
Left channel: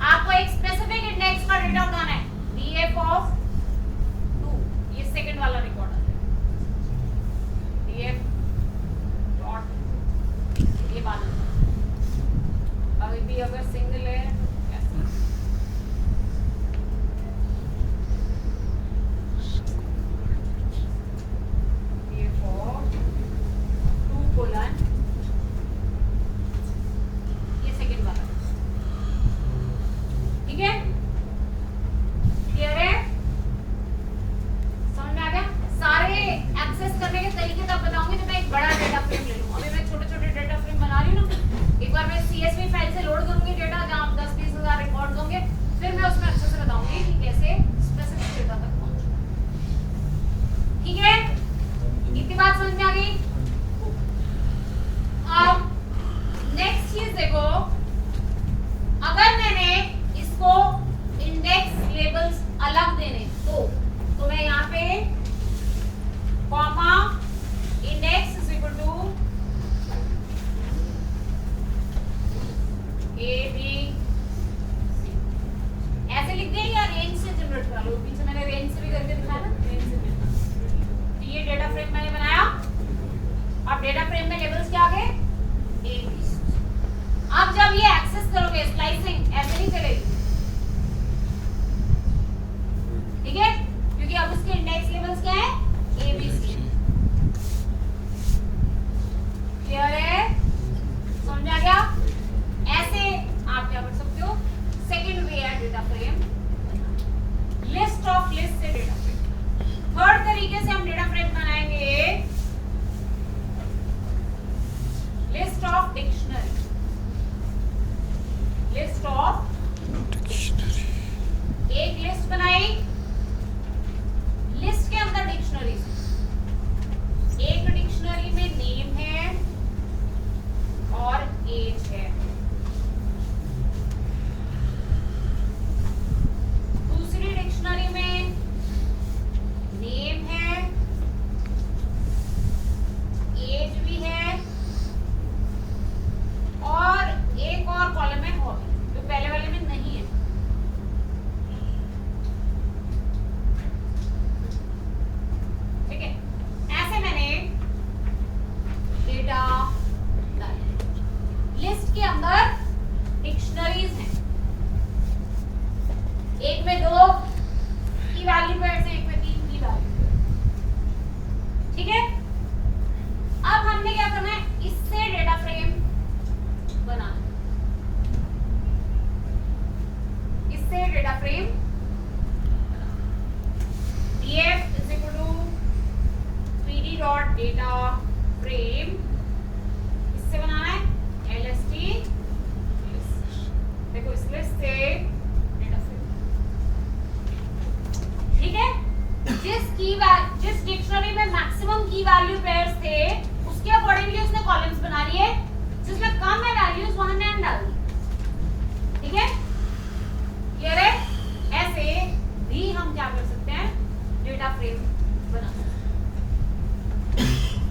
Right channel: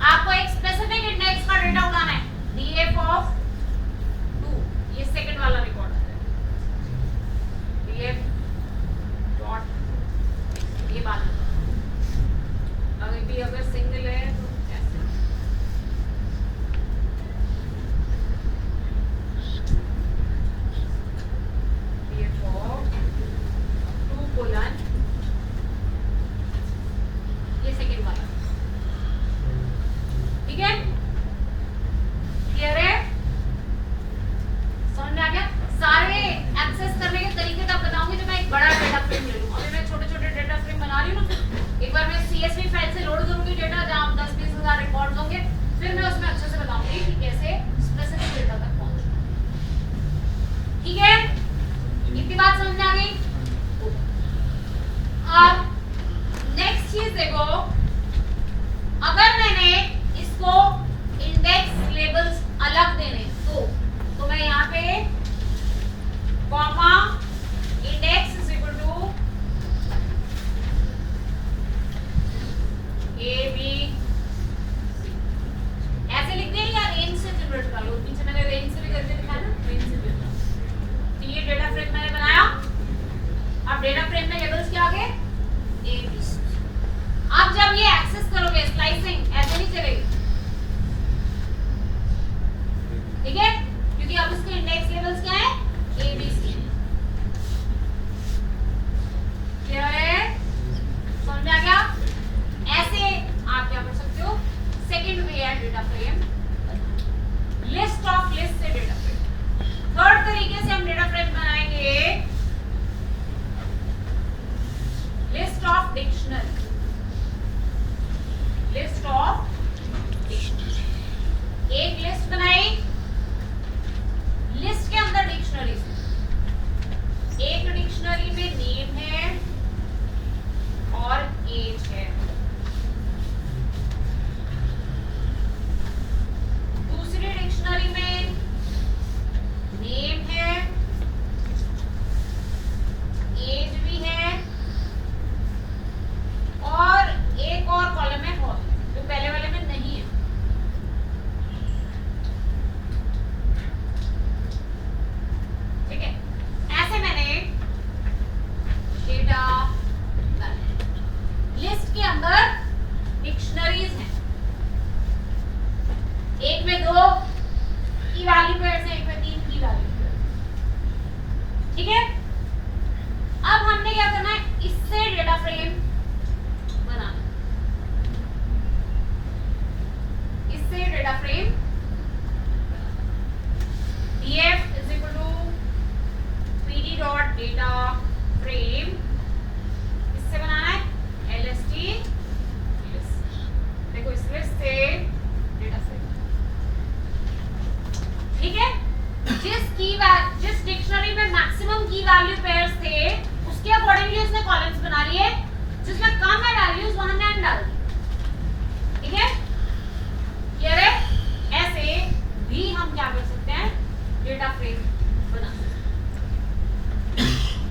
आपको एक स्पेसिफिक इंडेक्स का डेटा उठाना है, df ऑफ 2, ये सेकंड वाला रिकॉर्ड आ जाएगा, df डॉट, ये बात अभी भी अगर सिंगल है तो कैसे? df ऑफ 2 कोलन, ये सेकंड वाला। ठीक है, क्लियर है? समझ में आ गया? सारे एक्सेस करने के तरीके तब बताऊंगी जब मैं एक बड़ा डेटा फ्रेम ले लूं। अभी मैं छोटे छोटे डेटा फ्रेम बना रही हूँ ना, एक बार मैं CSV फाइल से लोड करूंगी डेटा जहां 10-20 हजार रिकॉर्ड्स होंगे, फिर मैं उसमें अच्छे से बताऊंगी कि कैसे स्पेसिफिक डेटा तक पहुंचना है। ठीक है, इतनी बात समझ में आ गई? अब नेक्स्ट चीज देखो, अगर मैंने इसको इंडेक्स लेबल्स अलग देने तो मैं यहाँ पे comma index is equal to A B C ऐसे लिख दें या रेंज से जनरेट करा लो? पीछे मैंने रेंज से भी करके दिखाया ना, रेंज से भी। तो ये डेटा फ्रेम मैंने बनाया। अब डेटा फ्रेम में लेबल्स क्या आ गए? A B C। अब जब ये एक्सेस करोगे, स्लाइसिंग ऐसे नहीं चलेगी। ठीक है, क्योंकि अब उसके इंडेक्स लेवल्स क्या है? A B C। क्लियर है? समझ में आ गया? ऐसे आप क्या कर सकते हो? सेकंड वे है data frame, list of list से डेटा फ्रेम। थर्ड तरीके से हम डेटा फ्रेम बनाएंगे list of dictionary. List of, एक लिस्ट बनाई, लिस्ट के अंदर डिक्शनरी से, एक डिक्शनरी में नेम है और एज है, दूसरी डिक्शनरी में नेम है, एज भी है और एक और कॉलम है हॉबी, जो पहले वाले में नहीं है। ठीक है, ऐसे मैंने डेटा लिस्ट के अंदर डिक्शनरीज हैं, एक में 2 की वैल्यू पेयर्स हैं, एक में 3 की वैल्यू पेयर्स। ठीक है, अब हमने क्या करना है? इससे डेटा फ्रेम बनाना, इससे data frame df is equal to 3d dot data frame, इससे बनाना है lst list। देखो इस लिस्ट से डेटा फ्रेम। ठीक है, जिस डिक्शनरी में मैक्सिमम की वैल्यू पेयर्स थे उसके अकॉर्डिंगली उसने कॉलम्स बना लिए, जिसमें कम है वैल्यूज वहां नेम डाल दी। ठीक है, क्लियर है? ऐसे भी हम क्या कर सकते हैं? डेटा फ्रेम बना सकते हैं।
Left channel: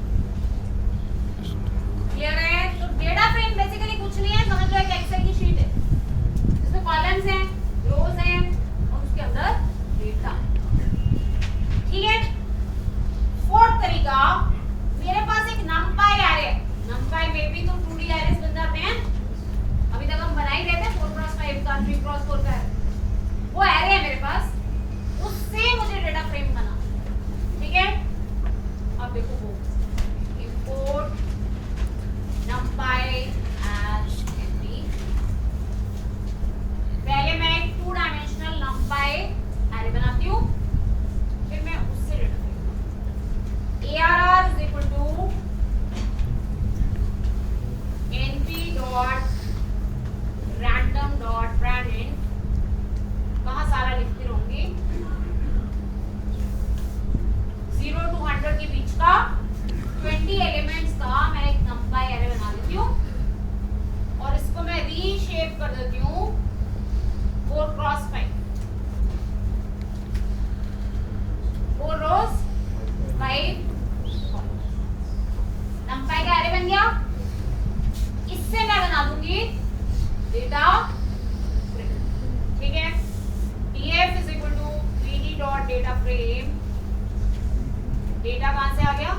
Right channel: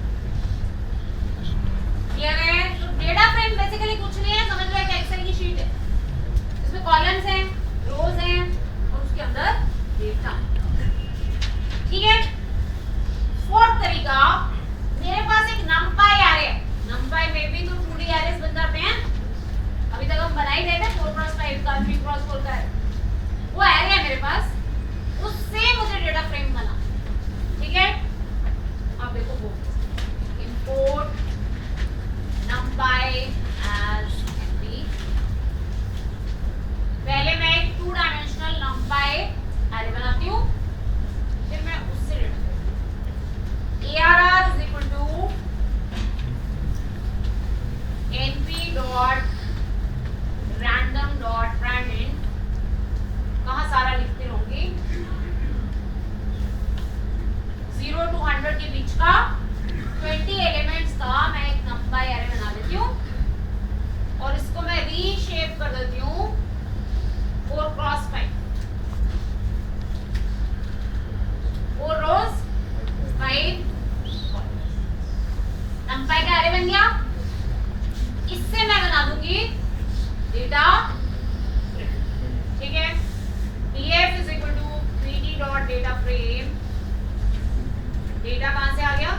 फ्रेम डेटा कहां से आ गया,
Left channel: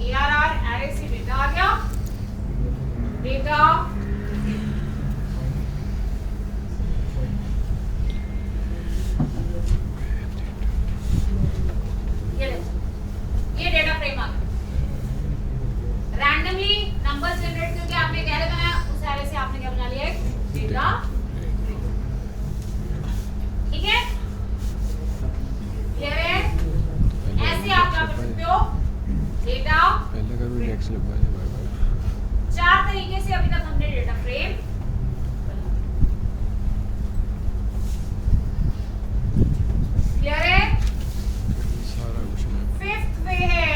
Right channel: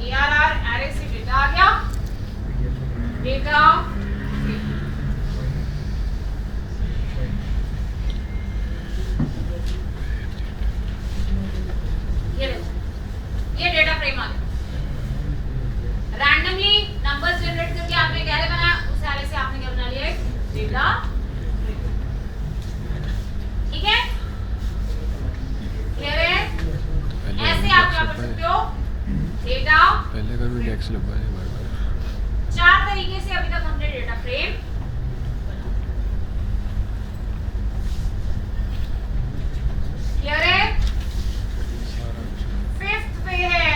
ARR एरे से डेटा आ गया, डेटा ये डेटा फ्रेम आ गया। रैंडमली नंबर्स जनरेट करके आपने क्या बनाया, उस एरे से आपने क्या बना लिया, एक डेटा फ्रेम। ठीक है, क्लियर है? ऐसे आप क्या कर सकते हो, डेटा पहले कर भी टैक्स लगवा है बार-बार। 4 तरीके से अभी तक हमने डेटा फ्रेम क्लियर है। सारा कुछ फिफ्थ वे है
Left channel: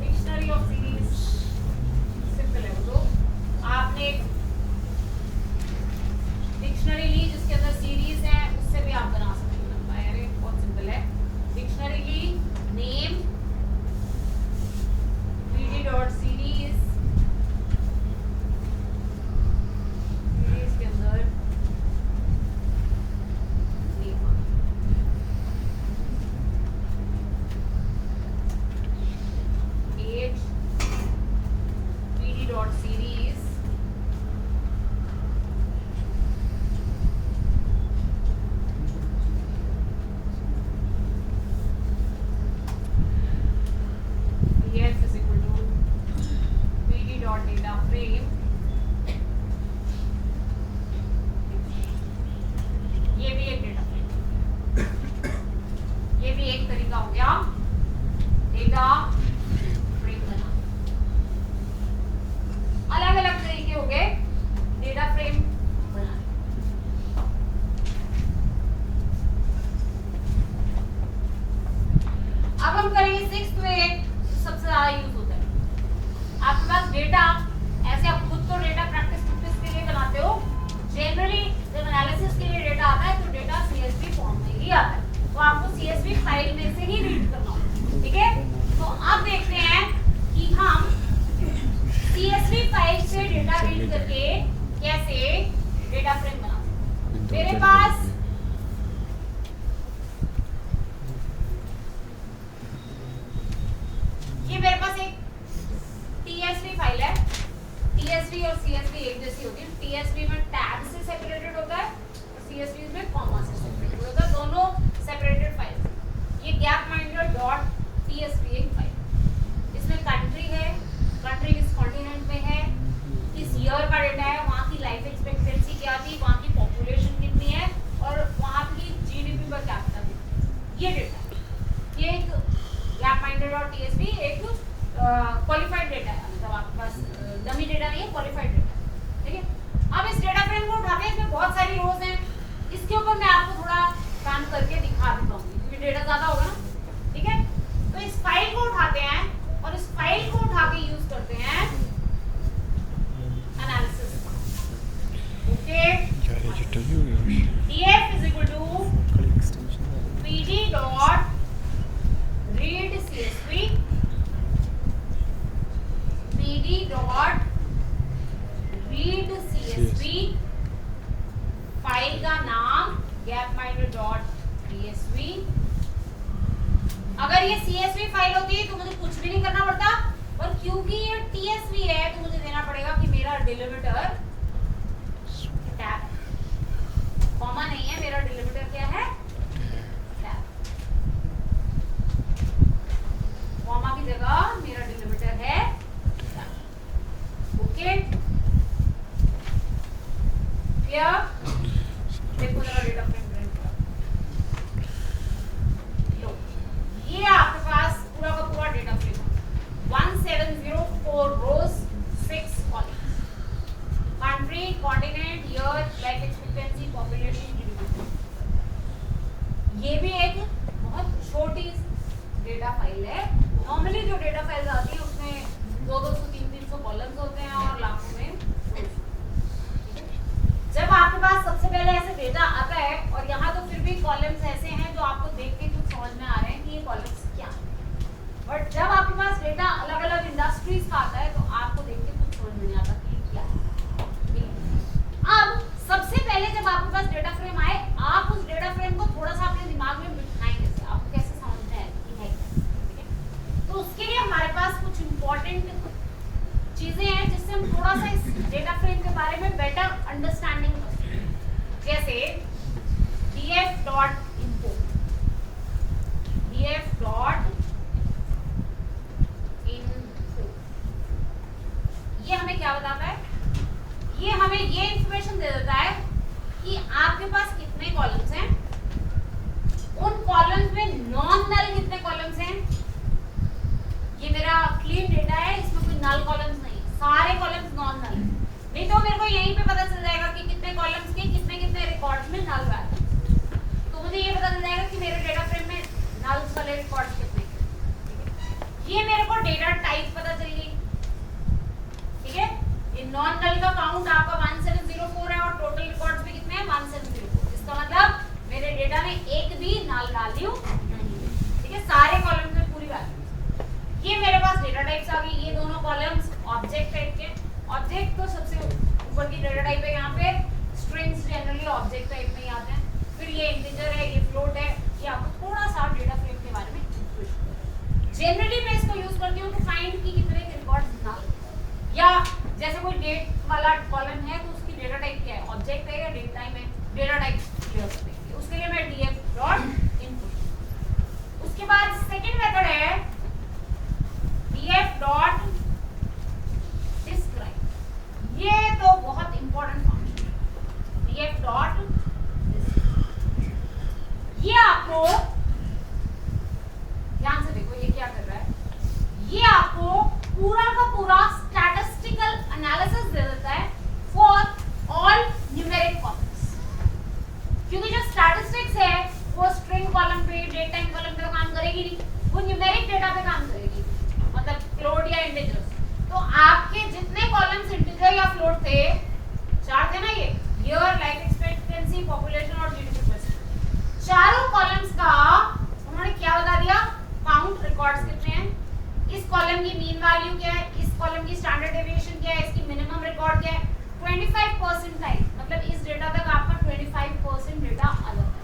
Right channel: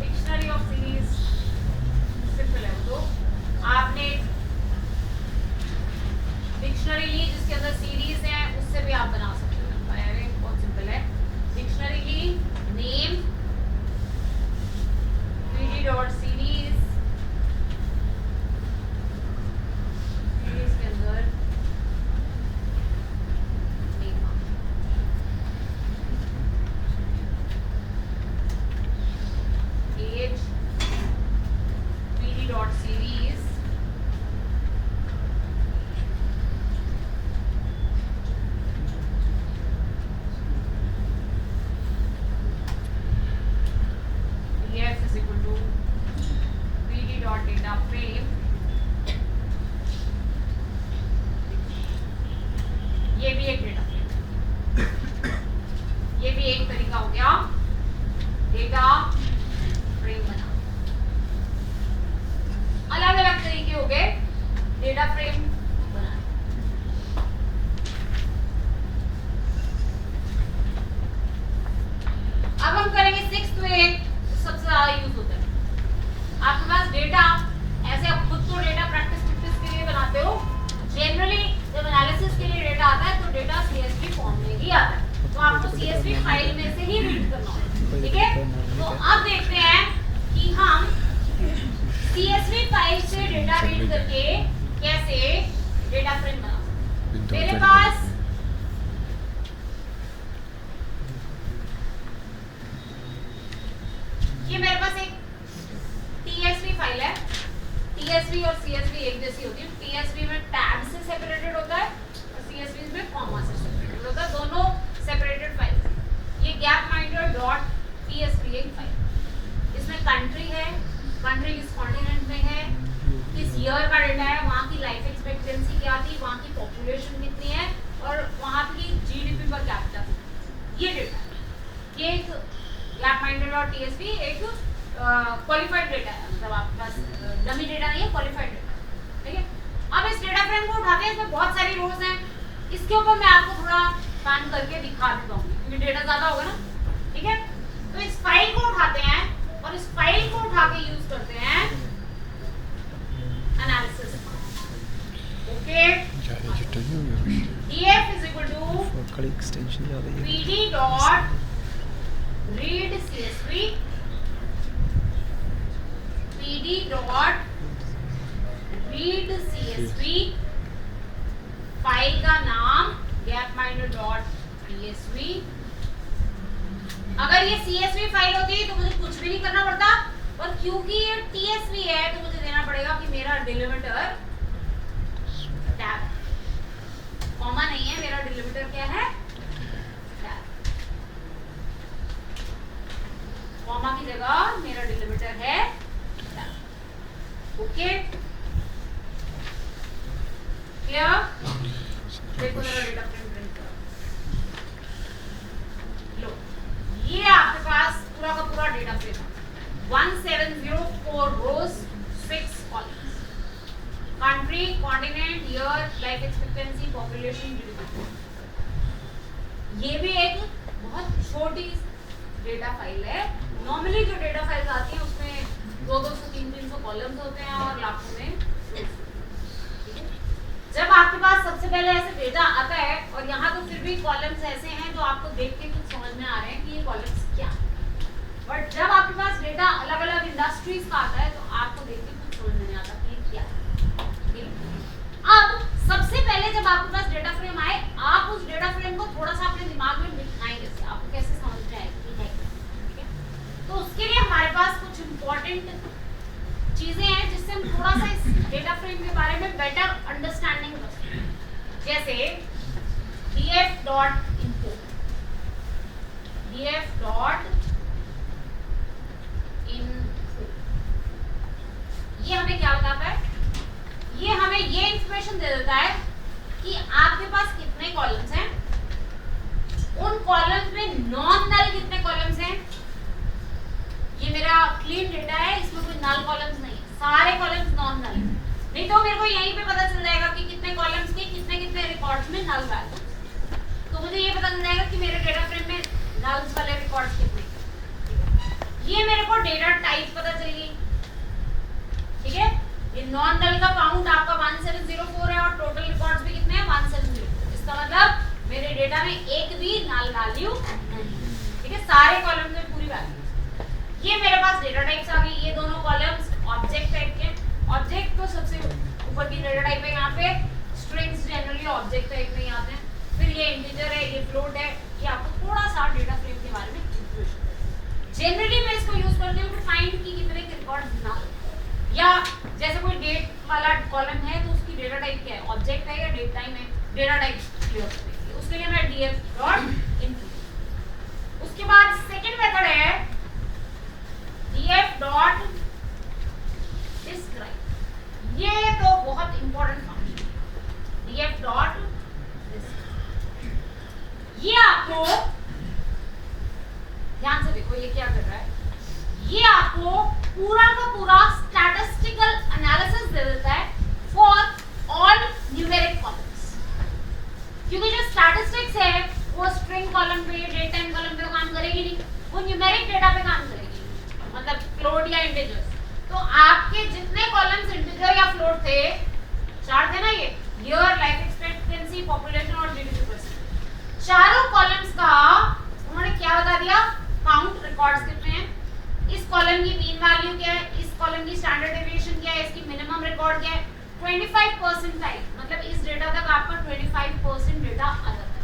डिक्शनरी ऑफ सीरीज। सिंपल है वो, तो आपने डिक्शनरी ली जिसके अंदर सीरीज है, उससे भी आप बना सकते हो। अरे बहुत सिंपल है, डिक्शनरी ली, नेम डॉट सीरीज, सीरीज के अंदर age PD dot series, df is equal to pd dot data frame। ये भी एक डेटा फ्रेम, ये भी एक तरीका हो गया डेटा फ्रेम बना। अलग अलग तरीके हो गए डेटा फ्रेम बनाने। अब हम करेंगे सिक्स्थ वे, सबसे ज्यादा यूज होता है। आपके पास डेटा ऐसे, आप खुद तो डेटा प्रैक्टिस के लिए बनाते हो, जनरली जब एनालिसिस के लिए डेटा आता है तो डेटा CSV फॉर्म में ही आता है, तो आपको CSV फाइल में से ही रीड करना होगा। ठीक है, तो अब देखते हैं कि हम CSV फाइल से डेटा रीड करके कैसे डेटा फ्रेम बना सकते हैं। मेरे पास ये मेरे पास एक TSV फाइल है। TSV और CSV एक जैसी होती है। TSV में टैब से सेपरेटेड होता है और CSV में कॉमा से सेपरेटेड होता है, दोनों सेपरेटेड फाइल। ये गैप माइंडर डॉट TSV एक फाइल, इसमें कंट्री है, कंट्री किस कॉन्टिनेंट में है, किस ईयर का डेटा है, वहाँ की लाइफ एक्सपेक्टेंसी क्या थी, वहाँ की पॉपुलेशन कितनी है और वहाँ की GDP पर कैपिटा कितनी, ये डेटा है। ये एक गैप माइंडर डॉट TSV एक क्वालिफाइड डेटा है, मतलब आपके पास डमी डेटा नहीं है, क्वालिफाइड डेटा। ठीक है, अब इस डेटा फ्रेम को उठाते हैं, इसमें बहुत सारी रोज हैं, इसके ऊपर मैं आपको थोड़ा पैन करके दिखा देता हूँ क्योंकि डेटा ज्यादा होगा ना। ठीक है, तो इस फाइल को उठाते हैं और इस फाइल को उठा के यूज करते हैं analysis. Okay, df is equal to pd dot read CSV, pd dot read CSV, file का नाम gapminder dot tsv। अगर ये CSV फाइल होती तो मुझे कुछ भी नहीं करना पड़ता, और क्योंकि ये TSV है तो मुझे देना पड़ेगा कि मेरा डिलिमिटर टैब, कॉमा नहीं है, मेरा डिलिमिटर क्या है, टैब। कॉमा की जगह मेरा डिलिमिटर है टैब। Okay, clear? देखो जरा डेटा फ्रेम प्रिंट करो। लो, ये आपके पास पूरा का पूरा डेटा फ्रेम है, 1704 रोज 6 columns, country, continent, year, life expectancy, population, GDP. ये भी एक बहुत छोटी डेटा फाइल है। नॉर्मली जो डेटा फाइल्स आती है उसमें 200 300 कॉलम्स होते हैं और लाखों में। जब आपके पास सबसे पहले ऐसे डेटा आता है और यहाँ तो फिर भी कॉलम्स ऐसे हैं जो आपको देख के कुछ समझ में आ रहे हैं कि ये कॉलम्स क्या है, बट जब आपके पास डेटा अलग अलग इंडस्ट्रीज का आता है तो आपको देख के कुछ समझ में नहीं आता कि क्या है। अब सबसे पहले जब आपके पास तुम थोड़ा सा इस डेटा फ्रेम के बारे में बेटर अंडरस्टैंडिंग रखो। जैसे df dot input, df dot input, ये हमें क्या बताता है? ये हमें ये इंफॉर्मेशन दे देता है कि आपके पास कितने कॉलम्स हैं, उन कॉलम्स में नॉन नल कितने कॉलम्स हैं। ये मेरा क्लीन डेटा है, इसमें कोई नल कॉलम्स नहीं है, सारे कॉलम्स नॉन नल। नहीं तो मेरे को यहीं पे पता चल जाएगा कि कितने कॉलम्स के कितने कितने रिकॉर्ड्स में नल वैल्यू, तो मुझे ये पता चल जाएगा कि मेरे डेटा फ्रेम में नल्स वाले रिकॉर्ड्स कितने। ये मेरे को डेटा टाइप पता चल गई, ठीक है। ये नॉन नल का काउंट आपका 1704 है और टोटल रिकॉर्ड्स भी कितने हैं 1704। इसका मतलब मेरे डेटा में एक भी नल वैल्यू नहीं, ठीक है, सारे कॉलम में पूरी वैल्यू। ये मेरे पास डेटा टाइप्स आ गई। ये दोनों कॉलम्स ऑब्जेक्ट टाइप के, ऑब्जेक्ट तो सबसे ऊपर की डेटा टाइप है, यहाँ पे स्ट्रिंग्स जनरली ऑब्जेक्ट टाइप में ही आते हैं। फिर ये इंटीजर है, ये फ्लोट है, ये आपको थोड़ा सा डेटा फ्रेम के बारे में जनरली मैं इसको यूज करती हूँ टू फाइंड कि कितने रिकॉर्ड्स नल, या जैसे कोई डेट वाला कॉलम है तो उसकी डेटा टाइप क्या है, ऑब्जेक्ट है या डेट टाइम है, डेटा टाइप क्लियर करने के लिए उसके लिए मैं df डॉट इनपुट। उसके बाद सेकंड मेथड है df डॉट डिस्क्राइब। ये तो बहुत इंपॉर्टेंट फंक्शन है, df डॉट डिस्क्राइब। ये आपको ध्यान से देखो, ये क्या कर रहा है, ये आपको पूरा का पूरा स्टैटिस्टिकल एनालिसिस दे देता है फॉर ऑल न्यूमेरिक कॉलम्स। क्योंकि जो स्टैटिस्टिक्स है वो स्ट्रिंग कॉलम पे, डेट टाइम कॉलम पे तो काम करेगी नहीं, वो न्यूमेरिक डेटा पे काम करेगी, मतलब फ्लोट या इंटीजर्स। तो आपके जितने कॉलम्स इंटीजर या फ्लोट थे, चार थे ना, ये ईयर, लाइफ एक्सपेक्टेंसी, पॉपुलेशन और जीडीपी परसेंट, चारों कॉलम्स का उन्होंने क्या बता दिया, काउंट, रिकॉर्ड्स कितने हैं, इस कॉलम की मीन वैल्यू क्या है, इस कॉलम की स्टैंडर्ड डेविएशन क्या है, इसकी मिनिमम रिकॉर्ड क्या है, 25% टाइम, मतलब इस डेटा तक आपका 25% डेटा आ जाता है,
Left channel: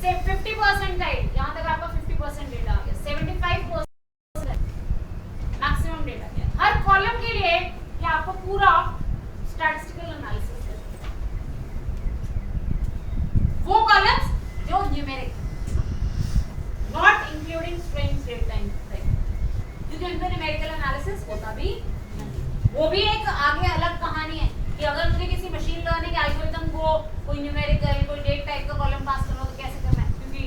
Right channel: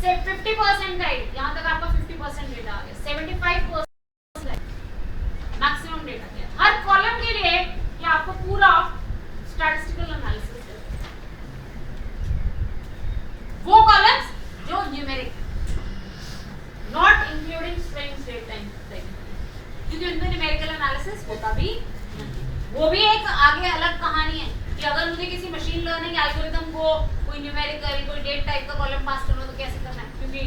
से 50% टाइम, यहाँ तक आपका 50% डेटा आ गया, 75% मैक्सिमम डेटा क्या है। हर कॉलम के लिए ये आपको पूरा स्टैटिस्टिकल एनालिसिस है, वो कॉलम्स जो numeric, not including strings, date time, क्योंकि उनमें न्यूमेरिकल एनालिसिस होता भी नहीं। वो भी एक आगे अलग कहानी है कि अगर मुझे किसी मशीन लर्निंग एल्गोरिथम को कोई न्यूमेरिकल, कोई डेट टाइप का कॉलम पास करना तो कैसे करना है, क्योंकि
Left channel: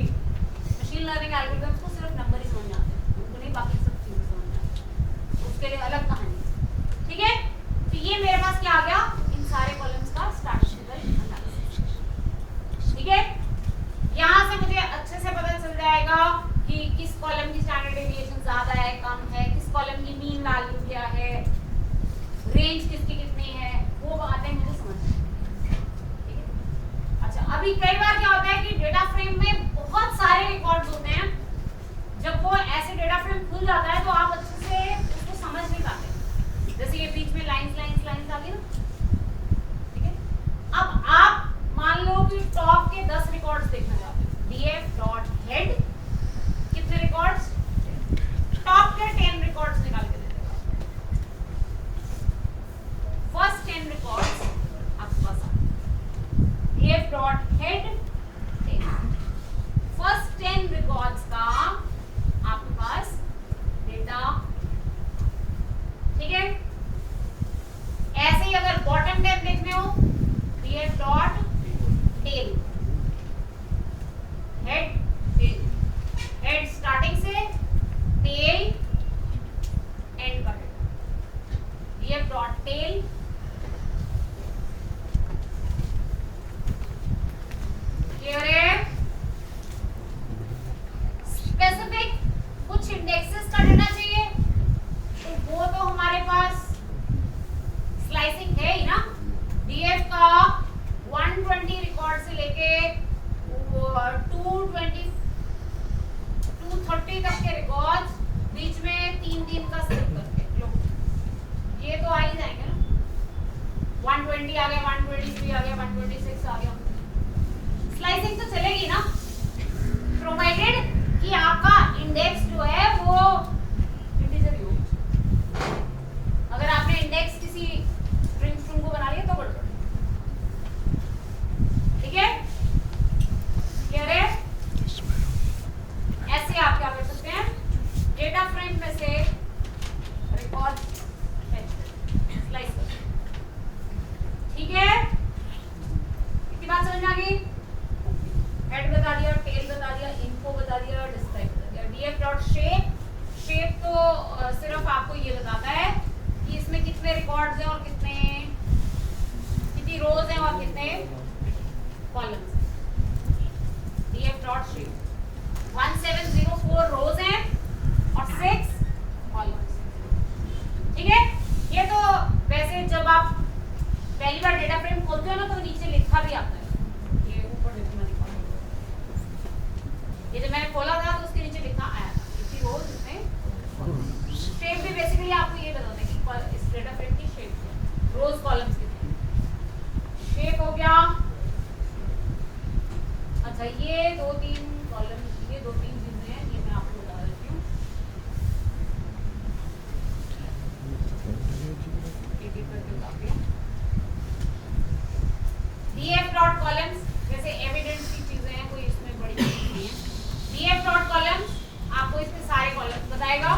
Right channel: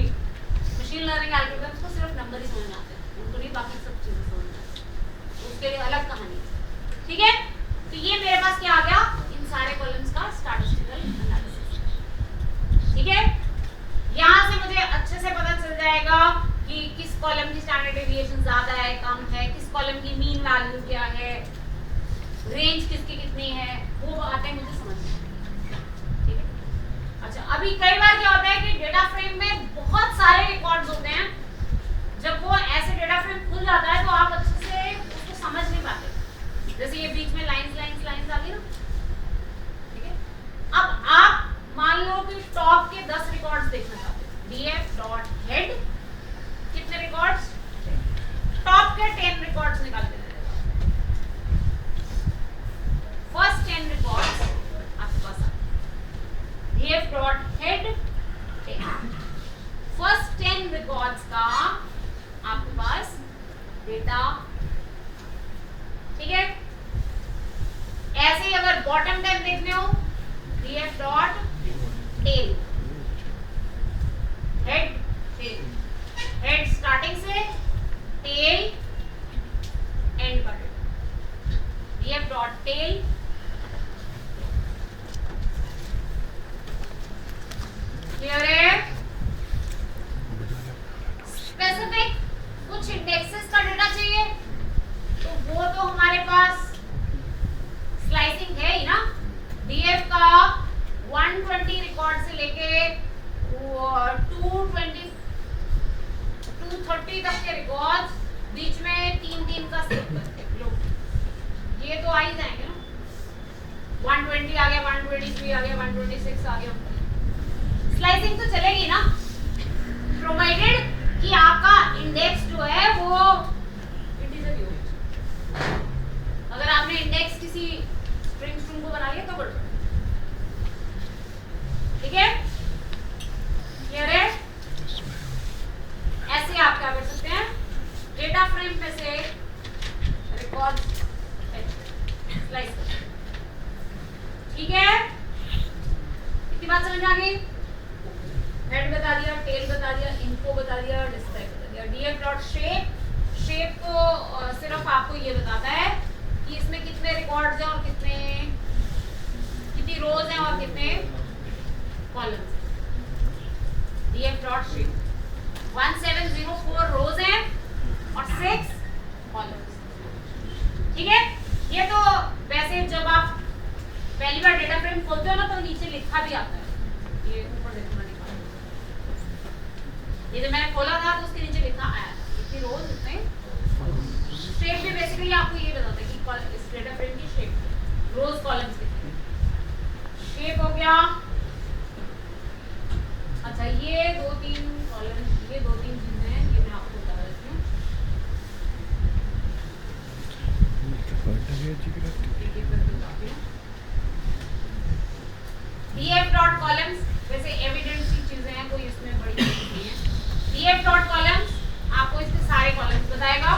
मशीन लर्निंग एल्गोरिथम्स को सिर्फ नंबर ही समझ आते हैं, उनको नहीं बाकी सब चीजें समझ आती, उसके लिए अलग कहानी, ठीक है। तो ये मेरे पास क्या आ गया, इन सारे कॉलम्स का स्टैटिस्टिकल एनालिसिस, ठीक है। यहाँ से मुझे अच्छे से पता चल जाएगा कि किस कॉलम की स्टैंडर्ड डेविएशन ज्यादा है, कम है, किस कॉलम की मीन वैल्यू क्या है, रेंज किसकी कितनी है, वो बातें मुझे समझ में, ठीक है। अच्छा, अभी कई बार क्या होता है कि डेटा फ्रेम में बहुत सारे रिकॉर्ड्स होते हैं, जब वो ऐसे डेटा फ्रेम खुल जाता है तो आप अच्छे से उसको समझ नहीं पाते, जैसे ये बीच में लाइंस लाइंस लाइंस आ गई ना, ठीक है। अब आप मान लो कि टॉप के 10 रिकॉर्ड्स देखना चाहते हैं, df डॉट हेड कितने रिकॉर्ड्स, टॉप के 10 रिकॉर्ड्स निकाल के दे देगा, फर्स्ट 10 रिकॉर्ड्स आपके पास आ df dot head 10, first 10 records का आपके पास डेटा, ठीक है। ऐसे ही अगर बॉटम 10 देखने हो, df dot tail, head tail, head starting से टेल एंड का data, df dot tail, clear है। स्पेसिफिक कुछ इंडेक्सेस का डेटा चाहिए तो वो तो हमारे पास स्लाइसिंग है ही ना, df का 120 रिकॉर्ड से लेके 230 तक के रिकॉर्ड्स, बीच में 3 का स्किप करके लो, ये तो आ ही जाएंगे ना, 120 आ गया, 123 आ गया, 126 आ गया, स्लाइसिंग तो चलेगी ना, प्रोवाइडेड कि आपका इंडेक्स जो है वो इंटीजर ही हो। अगर आपने इंडेक्स किसी स्ट्रिंग को बना लिया तो गड़बड़, ठीक है, क्लियर है। ऐसे आप क्या कर सकते हैं, डेटा फ्रेम में से रिकॉर्ड स्लाइस कर, ठीक है। इतनी बात समझ में आ गई, हेड बता दिया, टेल बता दिया, इन्फो बता दिया, डिस्प्ले बता दिया। df डॉट शेप, शेप तो सिर्फ आपको ये बताता है कि इसमें कितने रिकॉर्ड्स हैं और कितनी रोज हैं और कितने कॉलम्स हैं। df डॉट शेप 1704 रोज हैं और 6 कॉलम्स, ठीक है। ये तो वैसे जब आप पहली बार डेटा फ्रेम खोलते हो ना तो नीचे लिखा भी आता है, ये ऊपर देखो ना लिखा, ये जब मैंने खोला था तो उसके नीचे लिखा आया था इतनी रोज इसमें। शेप भी बेसिकली आपको ये बताता है कि इस डेटा फ्रेम की शेप क्या है, रोज कॉलम्स कितने हैं। शेप हो गया, अच्छा ये 2-3 कॉलम, ये 2-3 चीजें हैं, ये मैं आपको बता देती हूँ। df डॉट कॉलम्स वैसे एविडेंस की चीजें हैं, कोई इसमें बड़ी चीज नहीं है। df डॉट कॉलम्स आपको इसके सारे कॉलम्स बताएगा,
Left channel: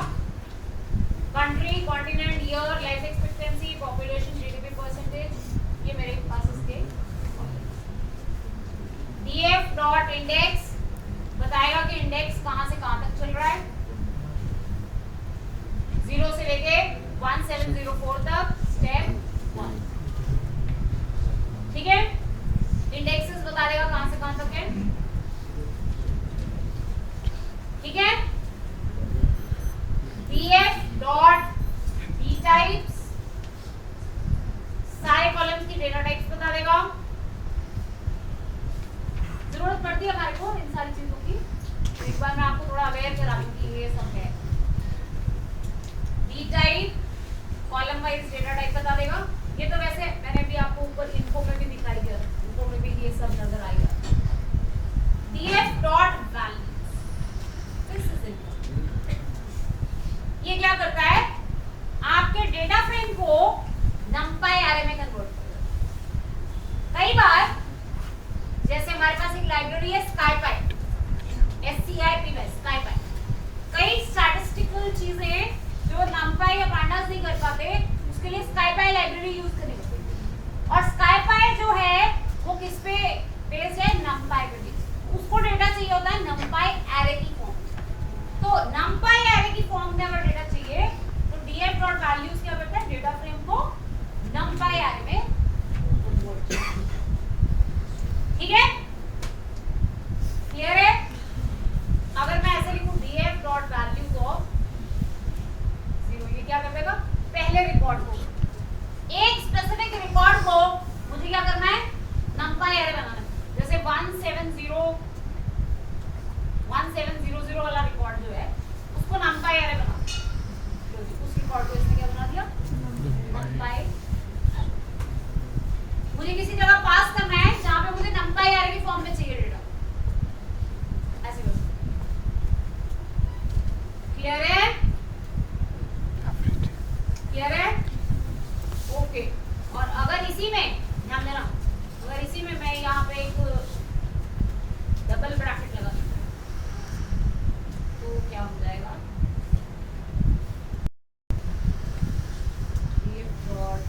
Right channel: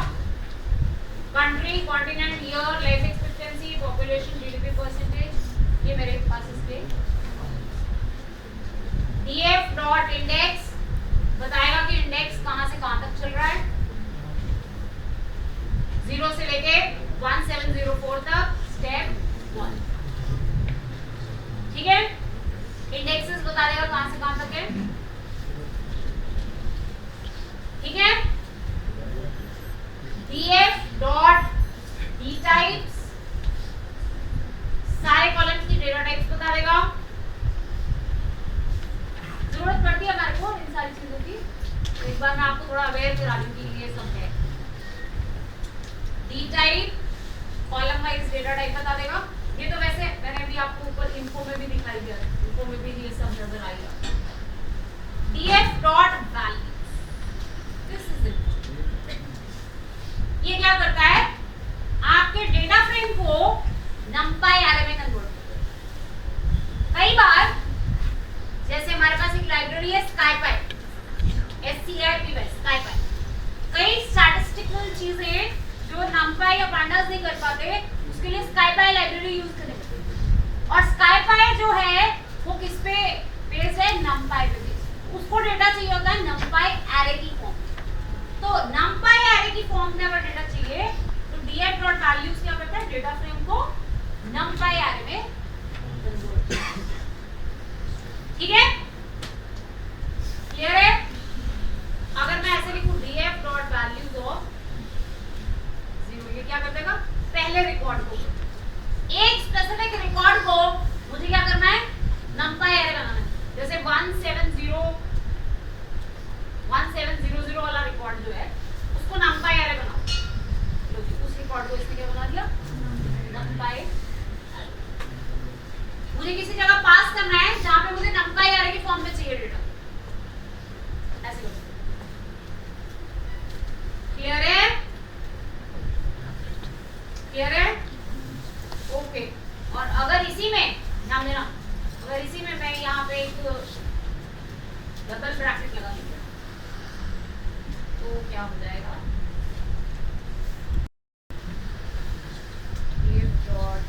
country, continent, year, life expectancy, population, GDP percentage, ये मेरे पास इसके। df डॉट इंडेक्स बताएगा कि इंडेक्स कहां से कहां तक चल रहा है, 0 से लेके 1704 तक, स्टेप 1, ठीक है। इंडेक्सेस बता देगा कहां से कहां तक है, ठीक है। df डॉट डी टाइप्स सारे कॉलम्स की डेटा टाइप्स बता देगा। जरूरत पड़ती है हमारे को इन सारी चीजों की, तो एक बार मैं आपको थोड़ा अवेयर करा दूं कि ये सब है। D type column wise data type बता देगा, ये तो वैसे मैंने भी आपको ऊपर इन्फो में भी दिखाई दिया, इन्फो में भी ये सब नजर आएगा। df dot value, this is it, ये क्या करता है, आपके डेटा फ्रेम को नंपाई एरे में कन्वर्ट करता है। कई बार जैसे हमारे पास एक लाइब्रेरी है स्काईपाई, SCIP, स्काईपाई, कई स्टैटिस्टिकल चीजें जो नंपाई या पांडास नहीं कर पाते उसके लिए स्काईपाई लाइब्रेरी यूज करेंगे, और स्काईपाई जो है वो किस पे बेस्ड है, नंपाई पे बेस्ड। उसको डेटा चाहिए होता है नंपाई एरे की फॉर्म, तो नंपाई एरे की फॉर्म में अगर डेटा चाहिए तो df डॉट वैल्यूज क्या करता है, डेटा फ्रेम को नंपाई एरे में कन्वर्ट, ठीक है, क्लियर है। अगर मैं ऐसे लिखूं df डॉट वैल्यूज ऑफ 0, ये क्या कर देगा, पहले रिकॉर्ड को, एक स्पेसिफिक रिकॉर्ड को मुझे क्या करना है, नंपाई एरे बनाना है। जैसे 1700 वाला रिकॉर्ड जो है उसको नंपाई एरे बनाओ, उस रिकॉर्ड को इसमें क्या बना दिया, नंपाई। मुझे किसी जगह पास करना है जहां पे मुझे नंपाई एरे की फॉर्म में चाहिए डेटा, ऐसे करो, क्लियर है, क्लियर है, ओके। और अगर इसी में ध्यान देना, अगर इसी में मैं यहाँ पे एक डबल ब्रैकेट लगा दूं तो क्या हो जाएगा, df डॉट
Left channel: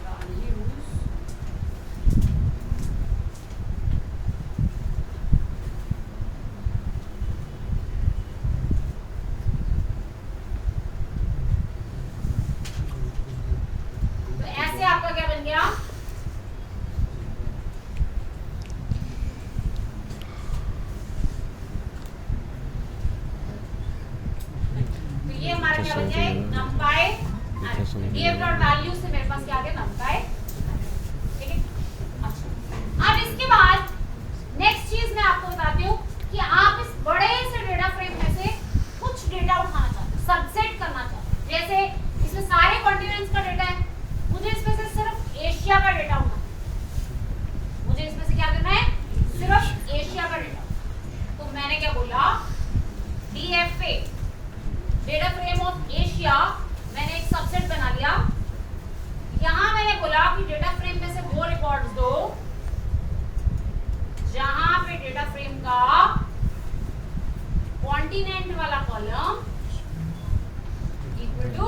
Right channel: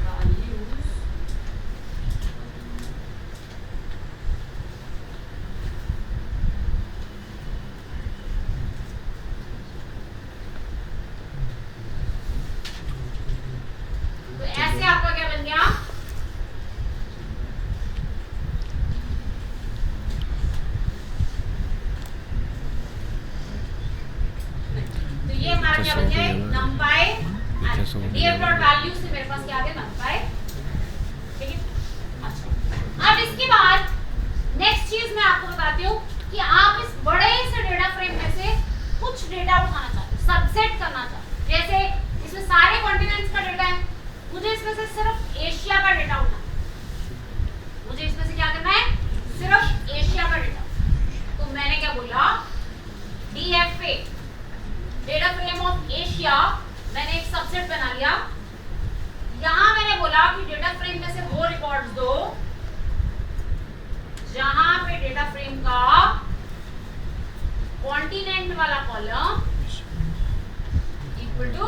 वैल्यूज तो ऐसे आपका क्या बन गया, तो ये हमारा क्या बन गया, नंपाई df डॉट वैल्यू से मेरे पास क्या आ गया, नंपाई, ठीक है। अच्छा, अब इसके बाद नेक्स्ट चीज मैं आपको बताती हूँ कि आप इस बड़े से डेटा फ्रेम में से कुछ डेटा उठाना चाहते हो, सबसेट करना चाहते हो। जैसे इसमें सारे कॉन्टिनेंट्स का डेटा है, मुझे इसमें से सिर्फ एशिया का डेटा उठाना, मुझे इसमें से क्या करना है, सिर्फ एशिया का डेटा। तो मैंने क्या बोला, DFA data frame of Asia frame में से वो रिकॉर्ड्स दो जहां पे डेटा फ्रेम का कॉन्टिनेंट वाला column equal to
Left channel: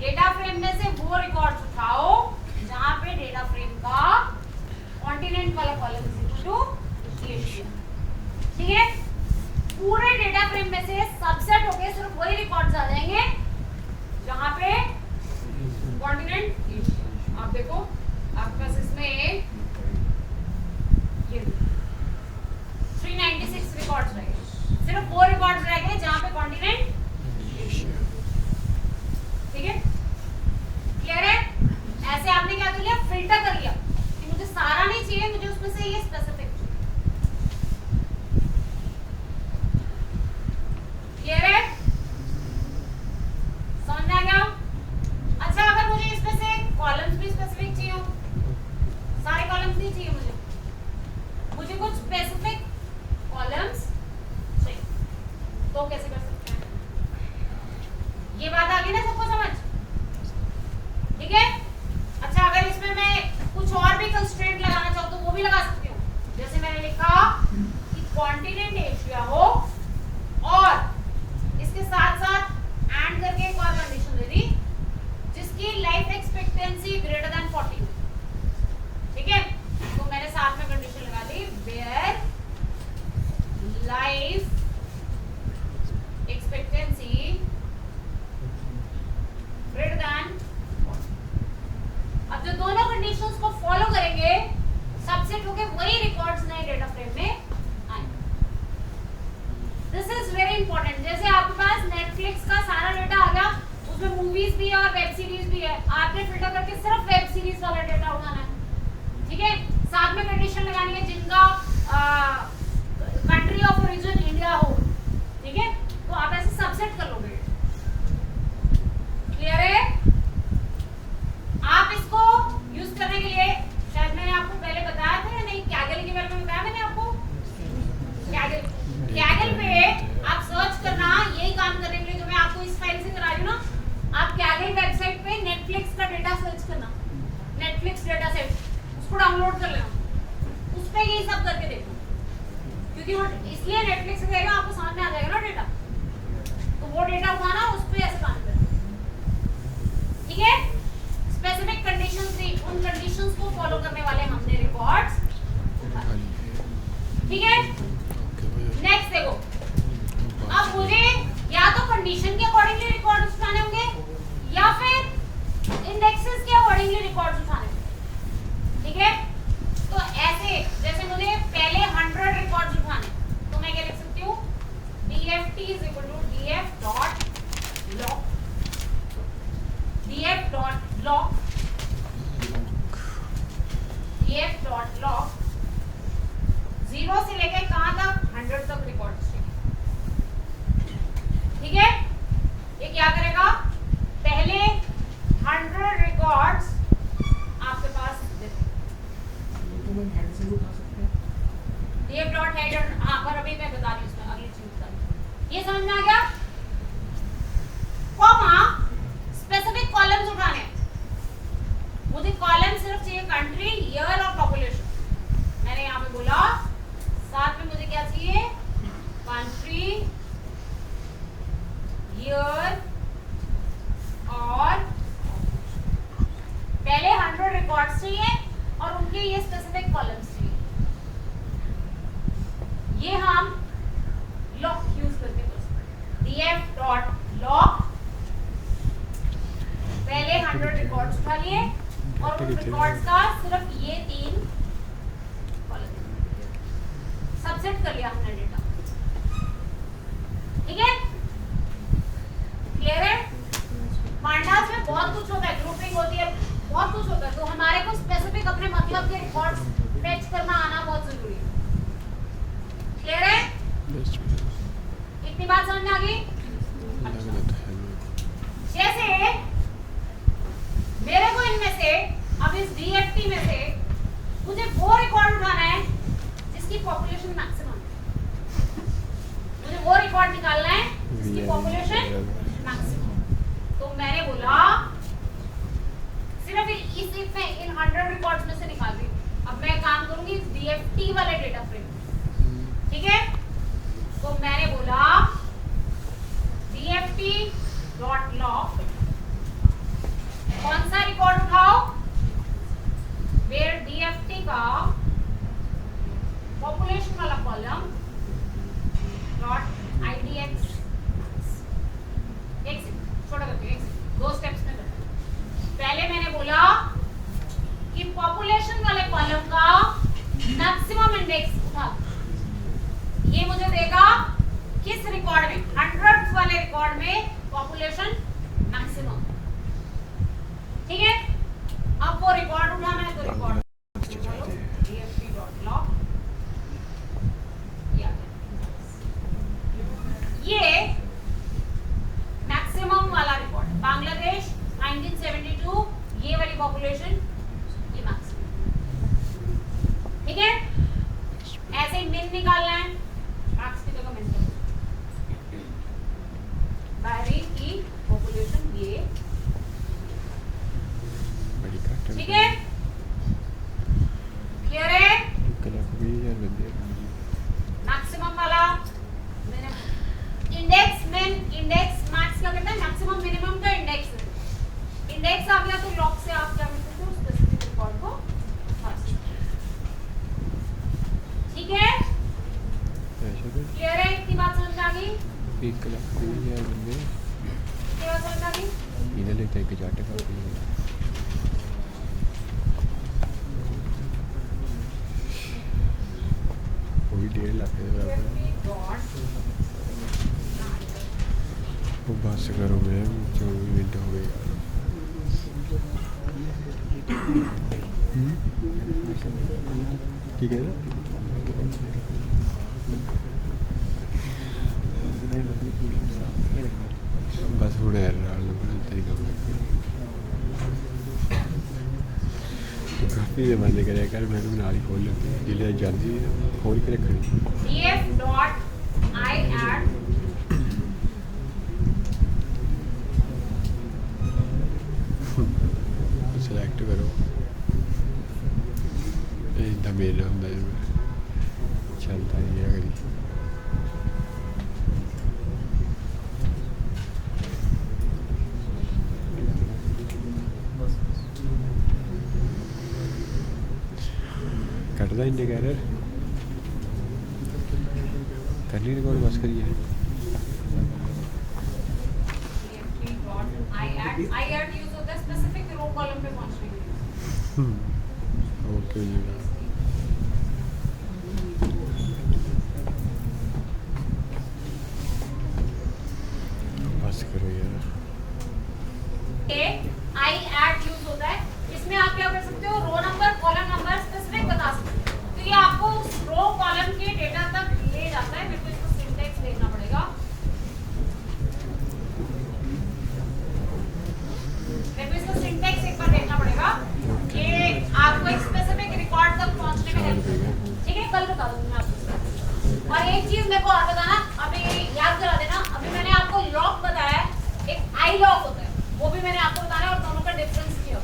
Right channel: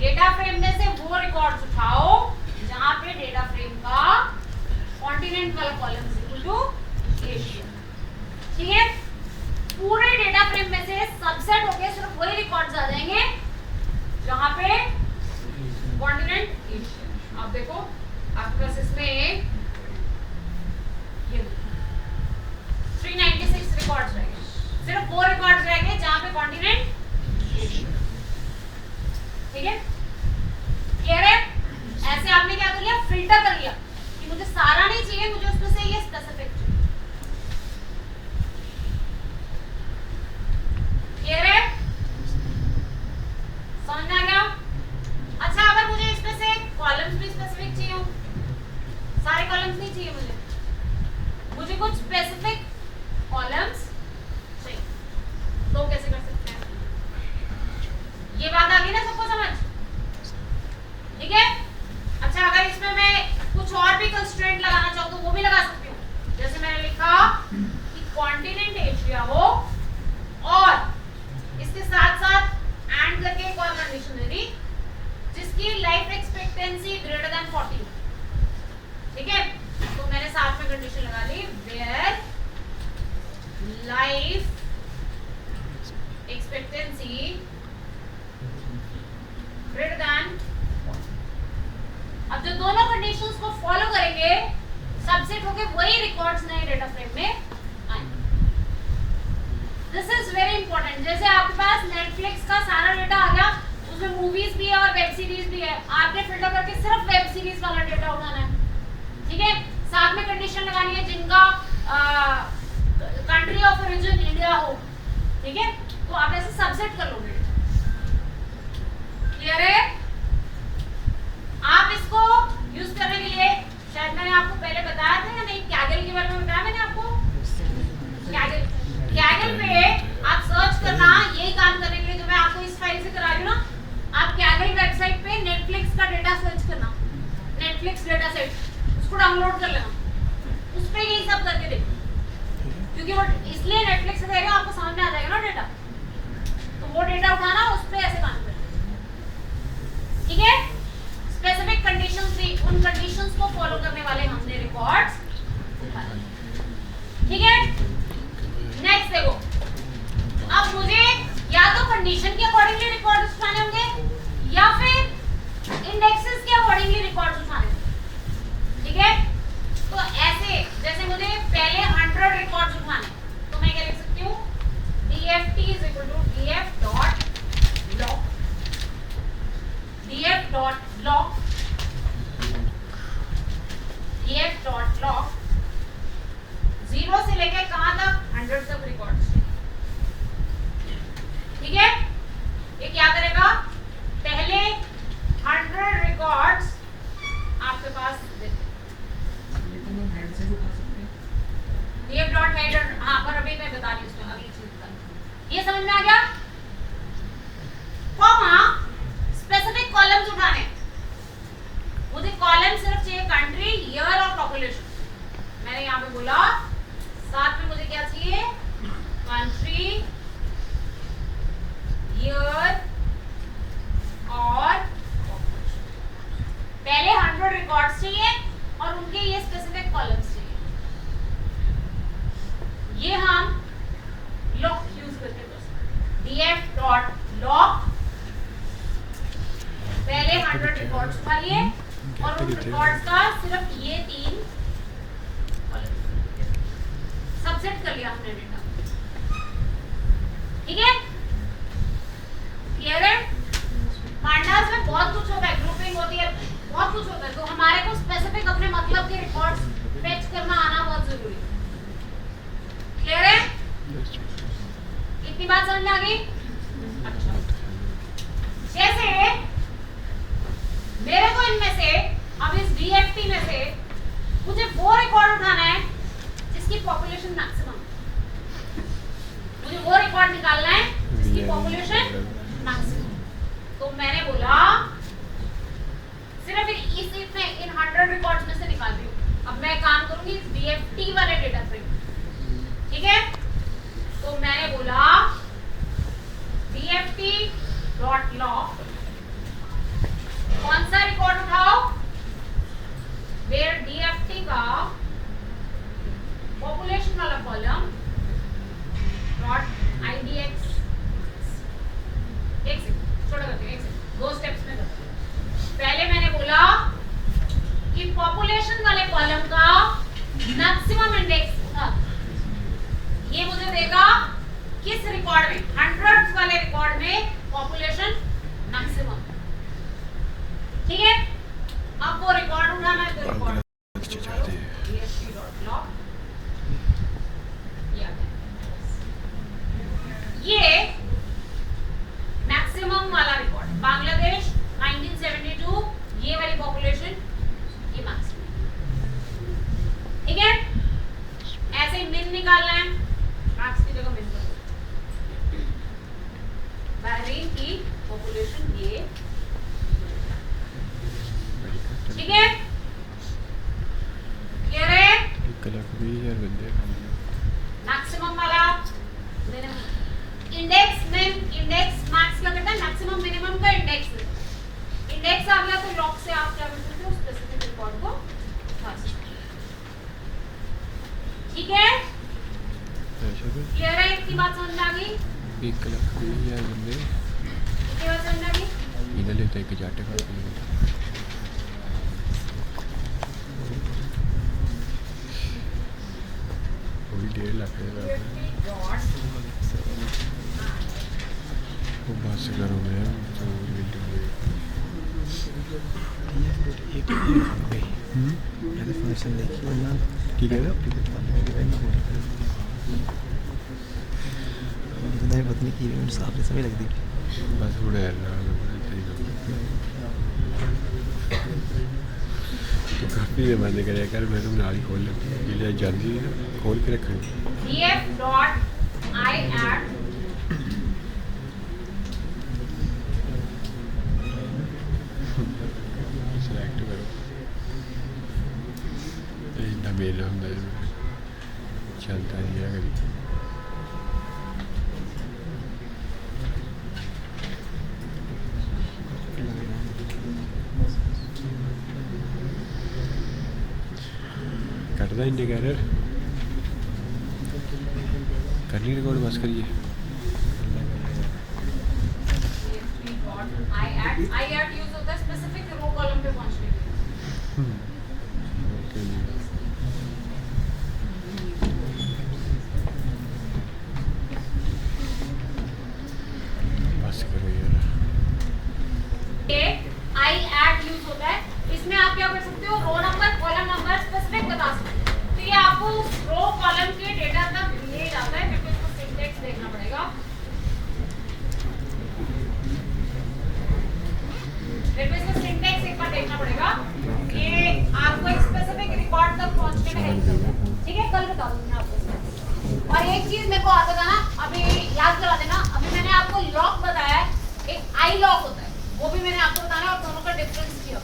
data frame में से वो रिकॉर्ड्स उठाओ जहां पे डेटा फ्रेम का कॉन्टिनेंट वाला कॉलम इक्वल टू एशिया। ठीक है, पूरे डेटा फ्रेम में से सबसेट होके सिर्फ वही रिकॉर्ड्स आ जाएंगे जहां पे कॉन्टिनेंट एशिया। आप देखो आपके पास इसमें 396 रिकॉर्ड्स रह गए, सिर्फ वो रिकॉर्ड्स रह गए जहां पे कॉन्टिनेंट एशिया। ठीक है, क्लियर है? ऐसे आपने क्या कर लिया, फिल्टर कर लिया कि मुझे सारा नहीं चाहिए, मुझे उसमें से ये स्पेसिफिक चाहिए। क्लियर है? समझ में आ गया? अच्छा, अगर मुझे इसमें से कॉलम्स भी स्पेसिफिक चाहिए हो, सारे कॉलम्स नहीं चाहिए मुझे कुछ स्पेसिफिक कॉलम्स चाहिए, तो कैसे कर सकते हैं? ये बात आ गई ना सबको समझ? ठीक है। अच्छा, अगर इसमें मैं कुछ और भी कंस्ट्रेंट लगाना चाहूँ तो वो भी लगा सकती हूँ। जैसे मैंने लिखा कि कॉन्टिनेंट एशिया हो और इसके साथ साथ एंड करके एक और कंडीशन दे दी जिसकी लाइफ एक्सपेक्टेंसी ग्रेटर देन 40 हो। ठीक है, तो मैंने साथ में कंडीशन लगा दी where life expectancy greater than. अब जो दोनों कंडीशंस को फॉलो करेंगे सबसेट होके वही रिकॉर्ड्स नए डेटा फ्रेम में आएंगे। This is very important. जैसे आपके पास नेटफ्लिक्स का सारा डेटा आ गया, उसमें मूवीज भी है और वेब सीरीज भी है, आपने फिल्टर करके सिर्फ वेब सीरीज वाला डेटा उठाना है। ठीक है, साथ में कंडीशन लगानी है जिनका कंट्री ऑफ ओरिजिन इंडिया हो। ठीक है, तो आप ऐसे सबसेट कर लोगे। क्लियर है? आप इसको यूज करने के लिए, शायद मैंने आपको पहले बताया था या नहीं, कैगल के बारे में बताया मैंने आपको। कैगल पे आप सर्च करना, यही काम करने के लिए जो मैं आपको इस फाइल से करा रही हूँ ना, आप कैगल वेबसाइट पे नेटफ्लिक्स का डेटा सर्च करना, नेटफ्लिक्स डेटा सेट, उसको डाउनलोड कर लेना, उस पे यही सब करके देखो, क्योंकि वो इसलिए नेटफ्लिक्स से करेगा, आपको समझ में आ जाएगा ना डेटा, तो वो डेटा उठाना, उस पे ऐसे काम करना। ठीक है, स्पेसिफिक कंडीशंस थी, उन कंडीशंस को फॉलो करने वाले हमने रिकॉर्ड्स उठाए। ठीक है, नेक्स्ट देखो, अब मुझे या तो कंडीशन के अकॉर्डिंगली रिकॉर्ड्स उठाने होंगे या फिर इंडेक्सेस के अकॉर्डिंगली रिकॉर्ड्स उठाने होंगे। ठीक है, तो ऐसे जैसे मुझे पहले 100 रिकॉर्ड्स उठाने, तो मैं क्या लिख सकती हूँ, dft is equal to df dot log, df dot log, df dot log 0 से लेकर कहां तक, 100 तक रिकॉर्ड्स। ठीक है, ये क्या करेगा, पहले 100 रिकॉर्ड्स आपके पास df dot header, हाँ पर अभी मैं बता रही हूँ, उसमें अगली चीज बता रही हूँ। ये समझ में आ गया? कॉमा स्पेसिफिक कॉलम्स उठाने, मुझे कॉलम सिर्फ चाहिए कंट्री, ईयर और पॉपुलेशन। मैंने यहाँ पे बोला साथ में मुझे क्या चाहिए, कंट्री, ईयर और पहले 100 रिकॉर्ड्स चाहिए और उनके ये स्पेसिफिक कॉलम्स चाहिए। ये हम लॉक यूज करके कर सकते हैं, df dot log, पहले 100 रिकॉर्ड्स उठा लिए और उन रिकॉर्ड्स का सिर्फ ये 3 सबसेट कर लिया हमने डेटा। ठीक है, क्लियर है? पांडास में बहुत कुछ होता है, ग्रुपिंग होती है, बहुत कुछ होता है, तो हमारे को स्पेसिफिक अपने मतलब के रिकॉर्ड्स फेच करना आना बहुत जरूरी है। क्लियर है? इतनी बात समझ में आ गई? अच्छा, जैसे मेरे को इनमें से, अब इस DFT में से मुझे वो रिकॉर्ड उठाना है जिसकी पॉपुलेशन मैक्सिमम, मुझे वो रिकॉर्ड निकालना है जिसकी पॉपुलेशन मैक्सिमम। तो मैंने बोला काम करूंगी DFT वाले डेटा फ्रेम, ठीक है। तो मैंने बोला DFT डॉट लॉग, कौन सा रिकॉर्ड उठाओ, वेयर DFT का पॉपुलेशन वाला कॉलम नॉट IDX। एक सेकंड छोटा करते हैं, एक सेकंड, 2 स्टेप्स में करते हैं। पहले मैंने बोला कि पॉपुलेशन वाले कॉलम का मैक्सिमम इंडेक्स था, ये मुझे देगा किस रिकॉर्ड में, 100th वाले रिकॉर्ड में पॉपुलेशन मैक्सिमम, ठीक है। अब वो रिकॉर्ड उठाना है तो रिकॉर्ड ये मैक्सिमम वाला रिकॉर्ड बांग्लादेश 1972, ये वाली पॉपुलेशन, ये मैक्सिमम, ठीक है। ऐसे ही मिन निकालना है, मैक्स की जगह मिन कर दो। बहरीन की पॉपुलेशन ये, ठीक है, क्लियर है। 1,20,000 बंदे मैक्सिमम वाला इंडेक्स मिन, इंडेक्स मैक्स का कहता है मैक्सिमम मिनिमम का इंडेक्स, इंडेक्स आ गया तो लॉग से आप क्या कर सकते हो, स्पेसिफिक रिकॉर्ड को उठा सकते हो, ठीक है। क्लियर है, इतनी बात समझ में आ गई। 1,20,000 बंदे इतनी बात समझ में आ गई। इधर लेते हैं कि जाटे का वो भी 1.5 लाख है। वो बस करो मैं तो मिनट हो गए। ठीक है ना, बस थोड़ा यार तो काफ़ी बंद करे कर, मैं तो नाल ही खोल जिले जल्दी खोल के रखनी। df.iadd सिलेक्ट करो, इतना मेरा हम चलता ही है कभी। करता इंडिकेटर करनी रिकॉर्ड बस करिए। iadd यूज होता है स्पेसिफिक रो कॉलम पे पहुंचने के लिए। ओके बस करो यार। iadd यूज होता है, इसमें आप क्या कर सकते हो, row number column number specific बता सकते हो, तो ये आपको उस रो कॉलम के डेटा तक ले जाता है, फिर इसको सिंटैक्स देखना पड़ेगा, फिर इसको सिंटैक्स एक बार देखना पड़ेगा, ये आपको एक स्पेसिफिक रिकॉर्ड तक पहुंचने में देगा, ठीक है। कल बता दूंगी मैं आपको। और एक चीज मेरे को और बताना, अभी याद करा देना, अभी मैंने आपको लॉग बताया, एक आई लॉग होता है, वो भी मैंने आपको बताना है, और दोनों का डिफरेंस किया।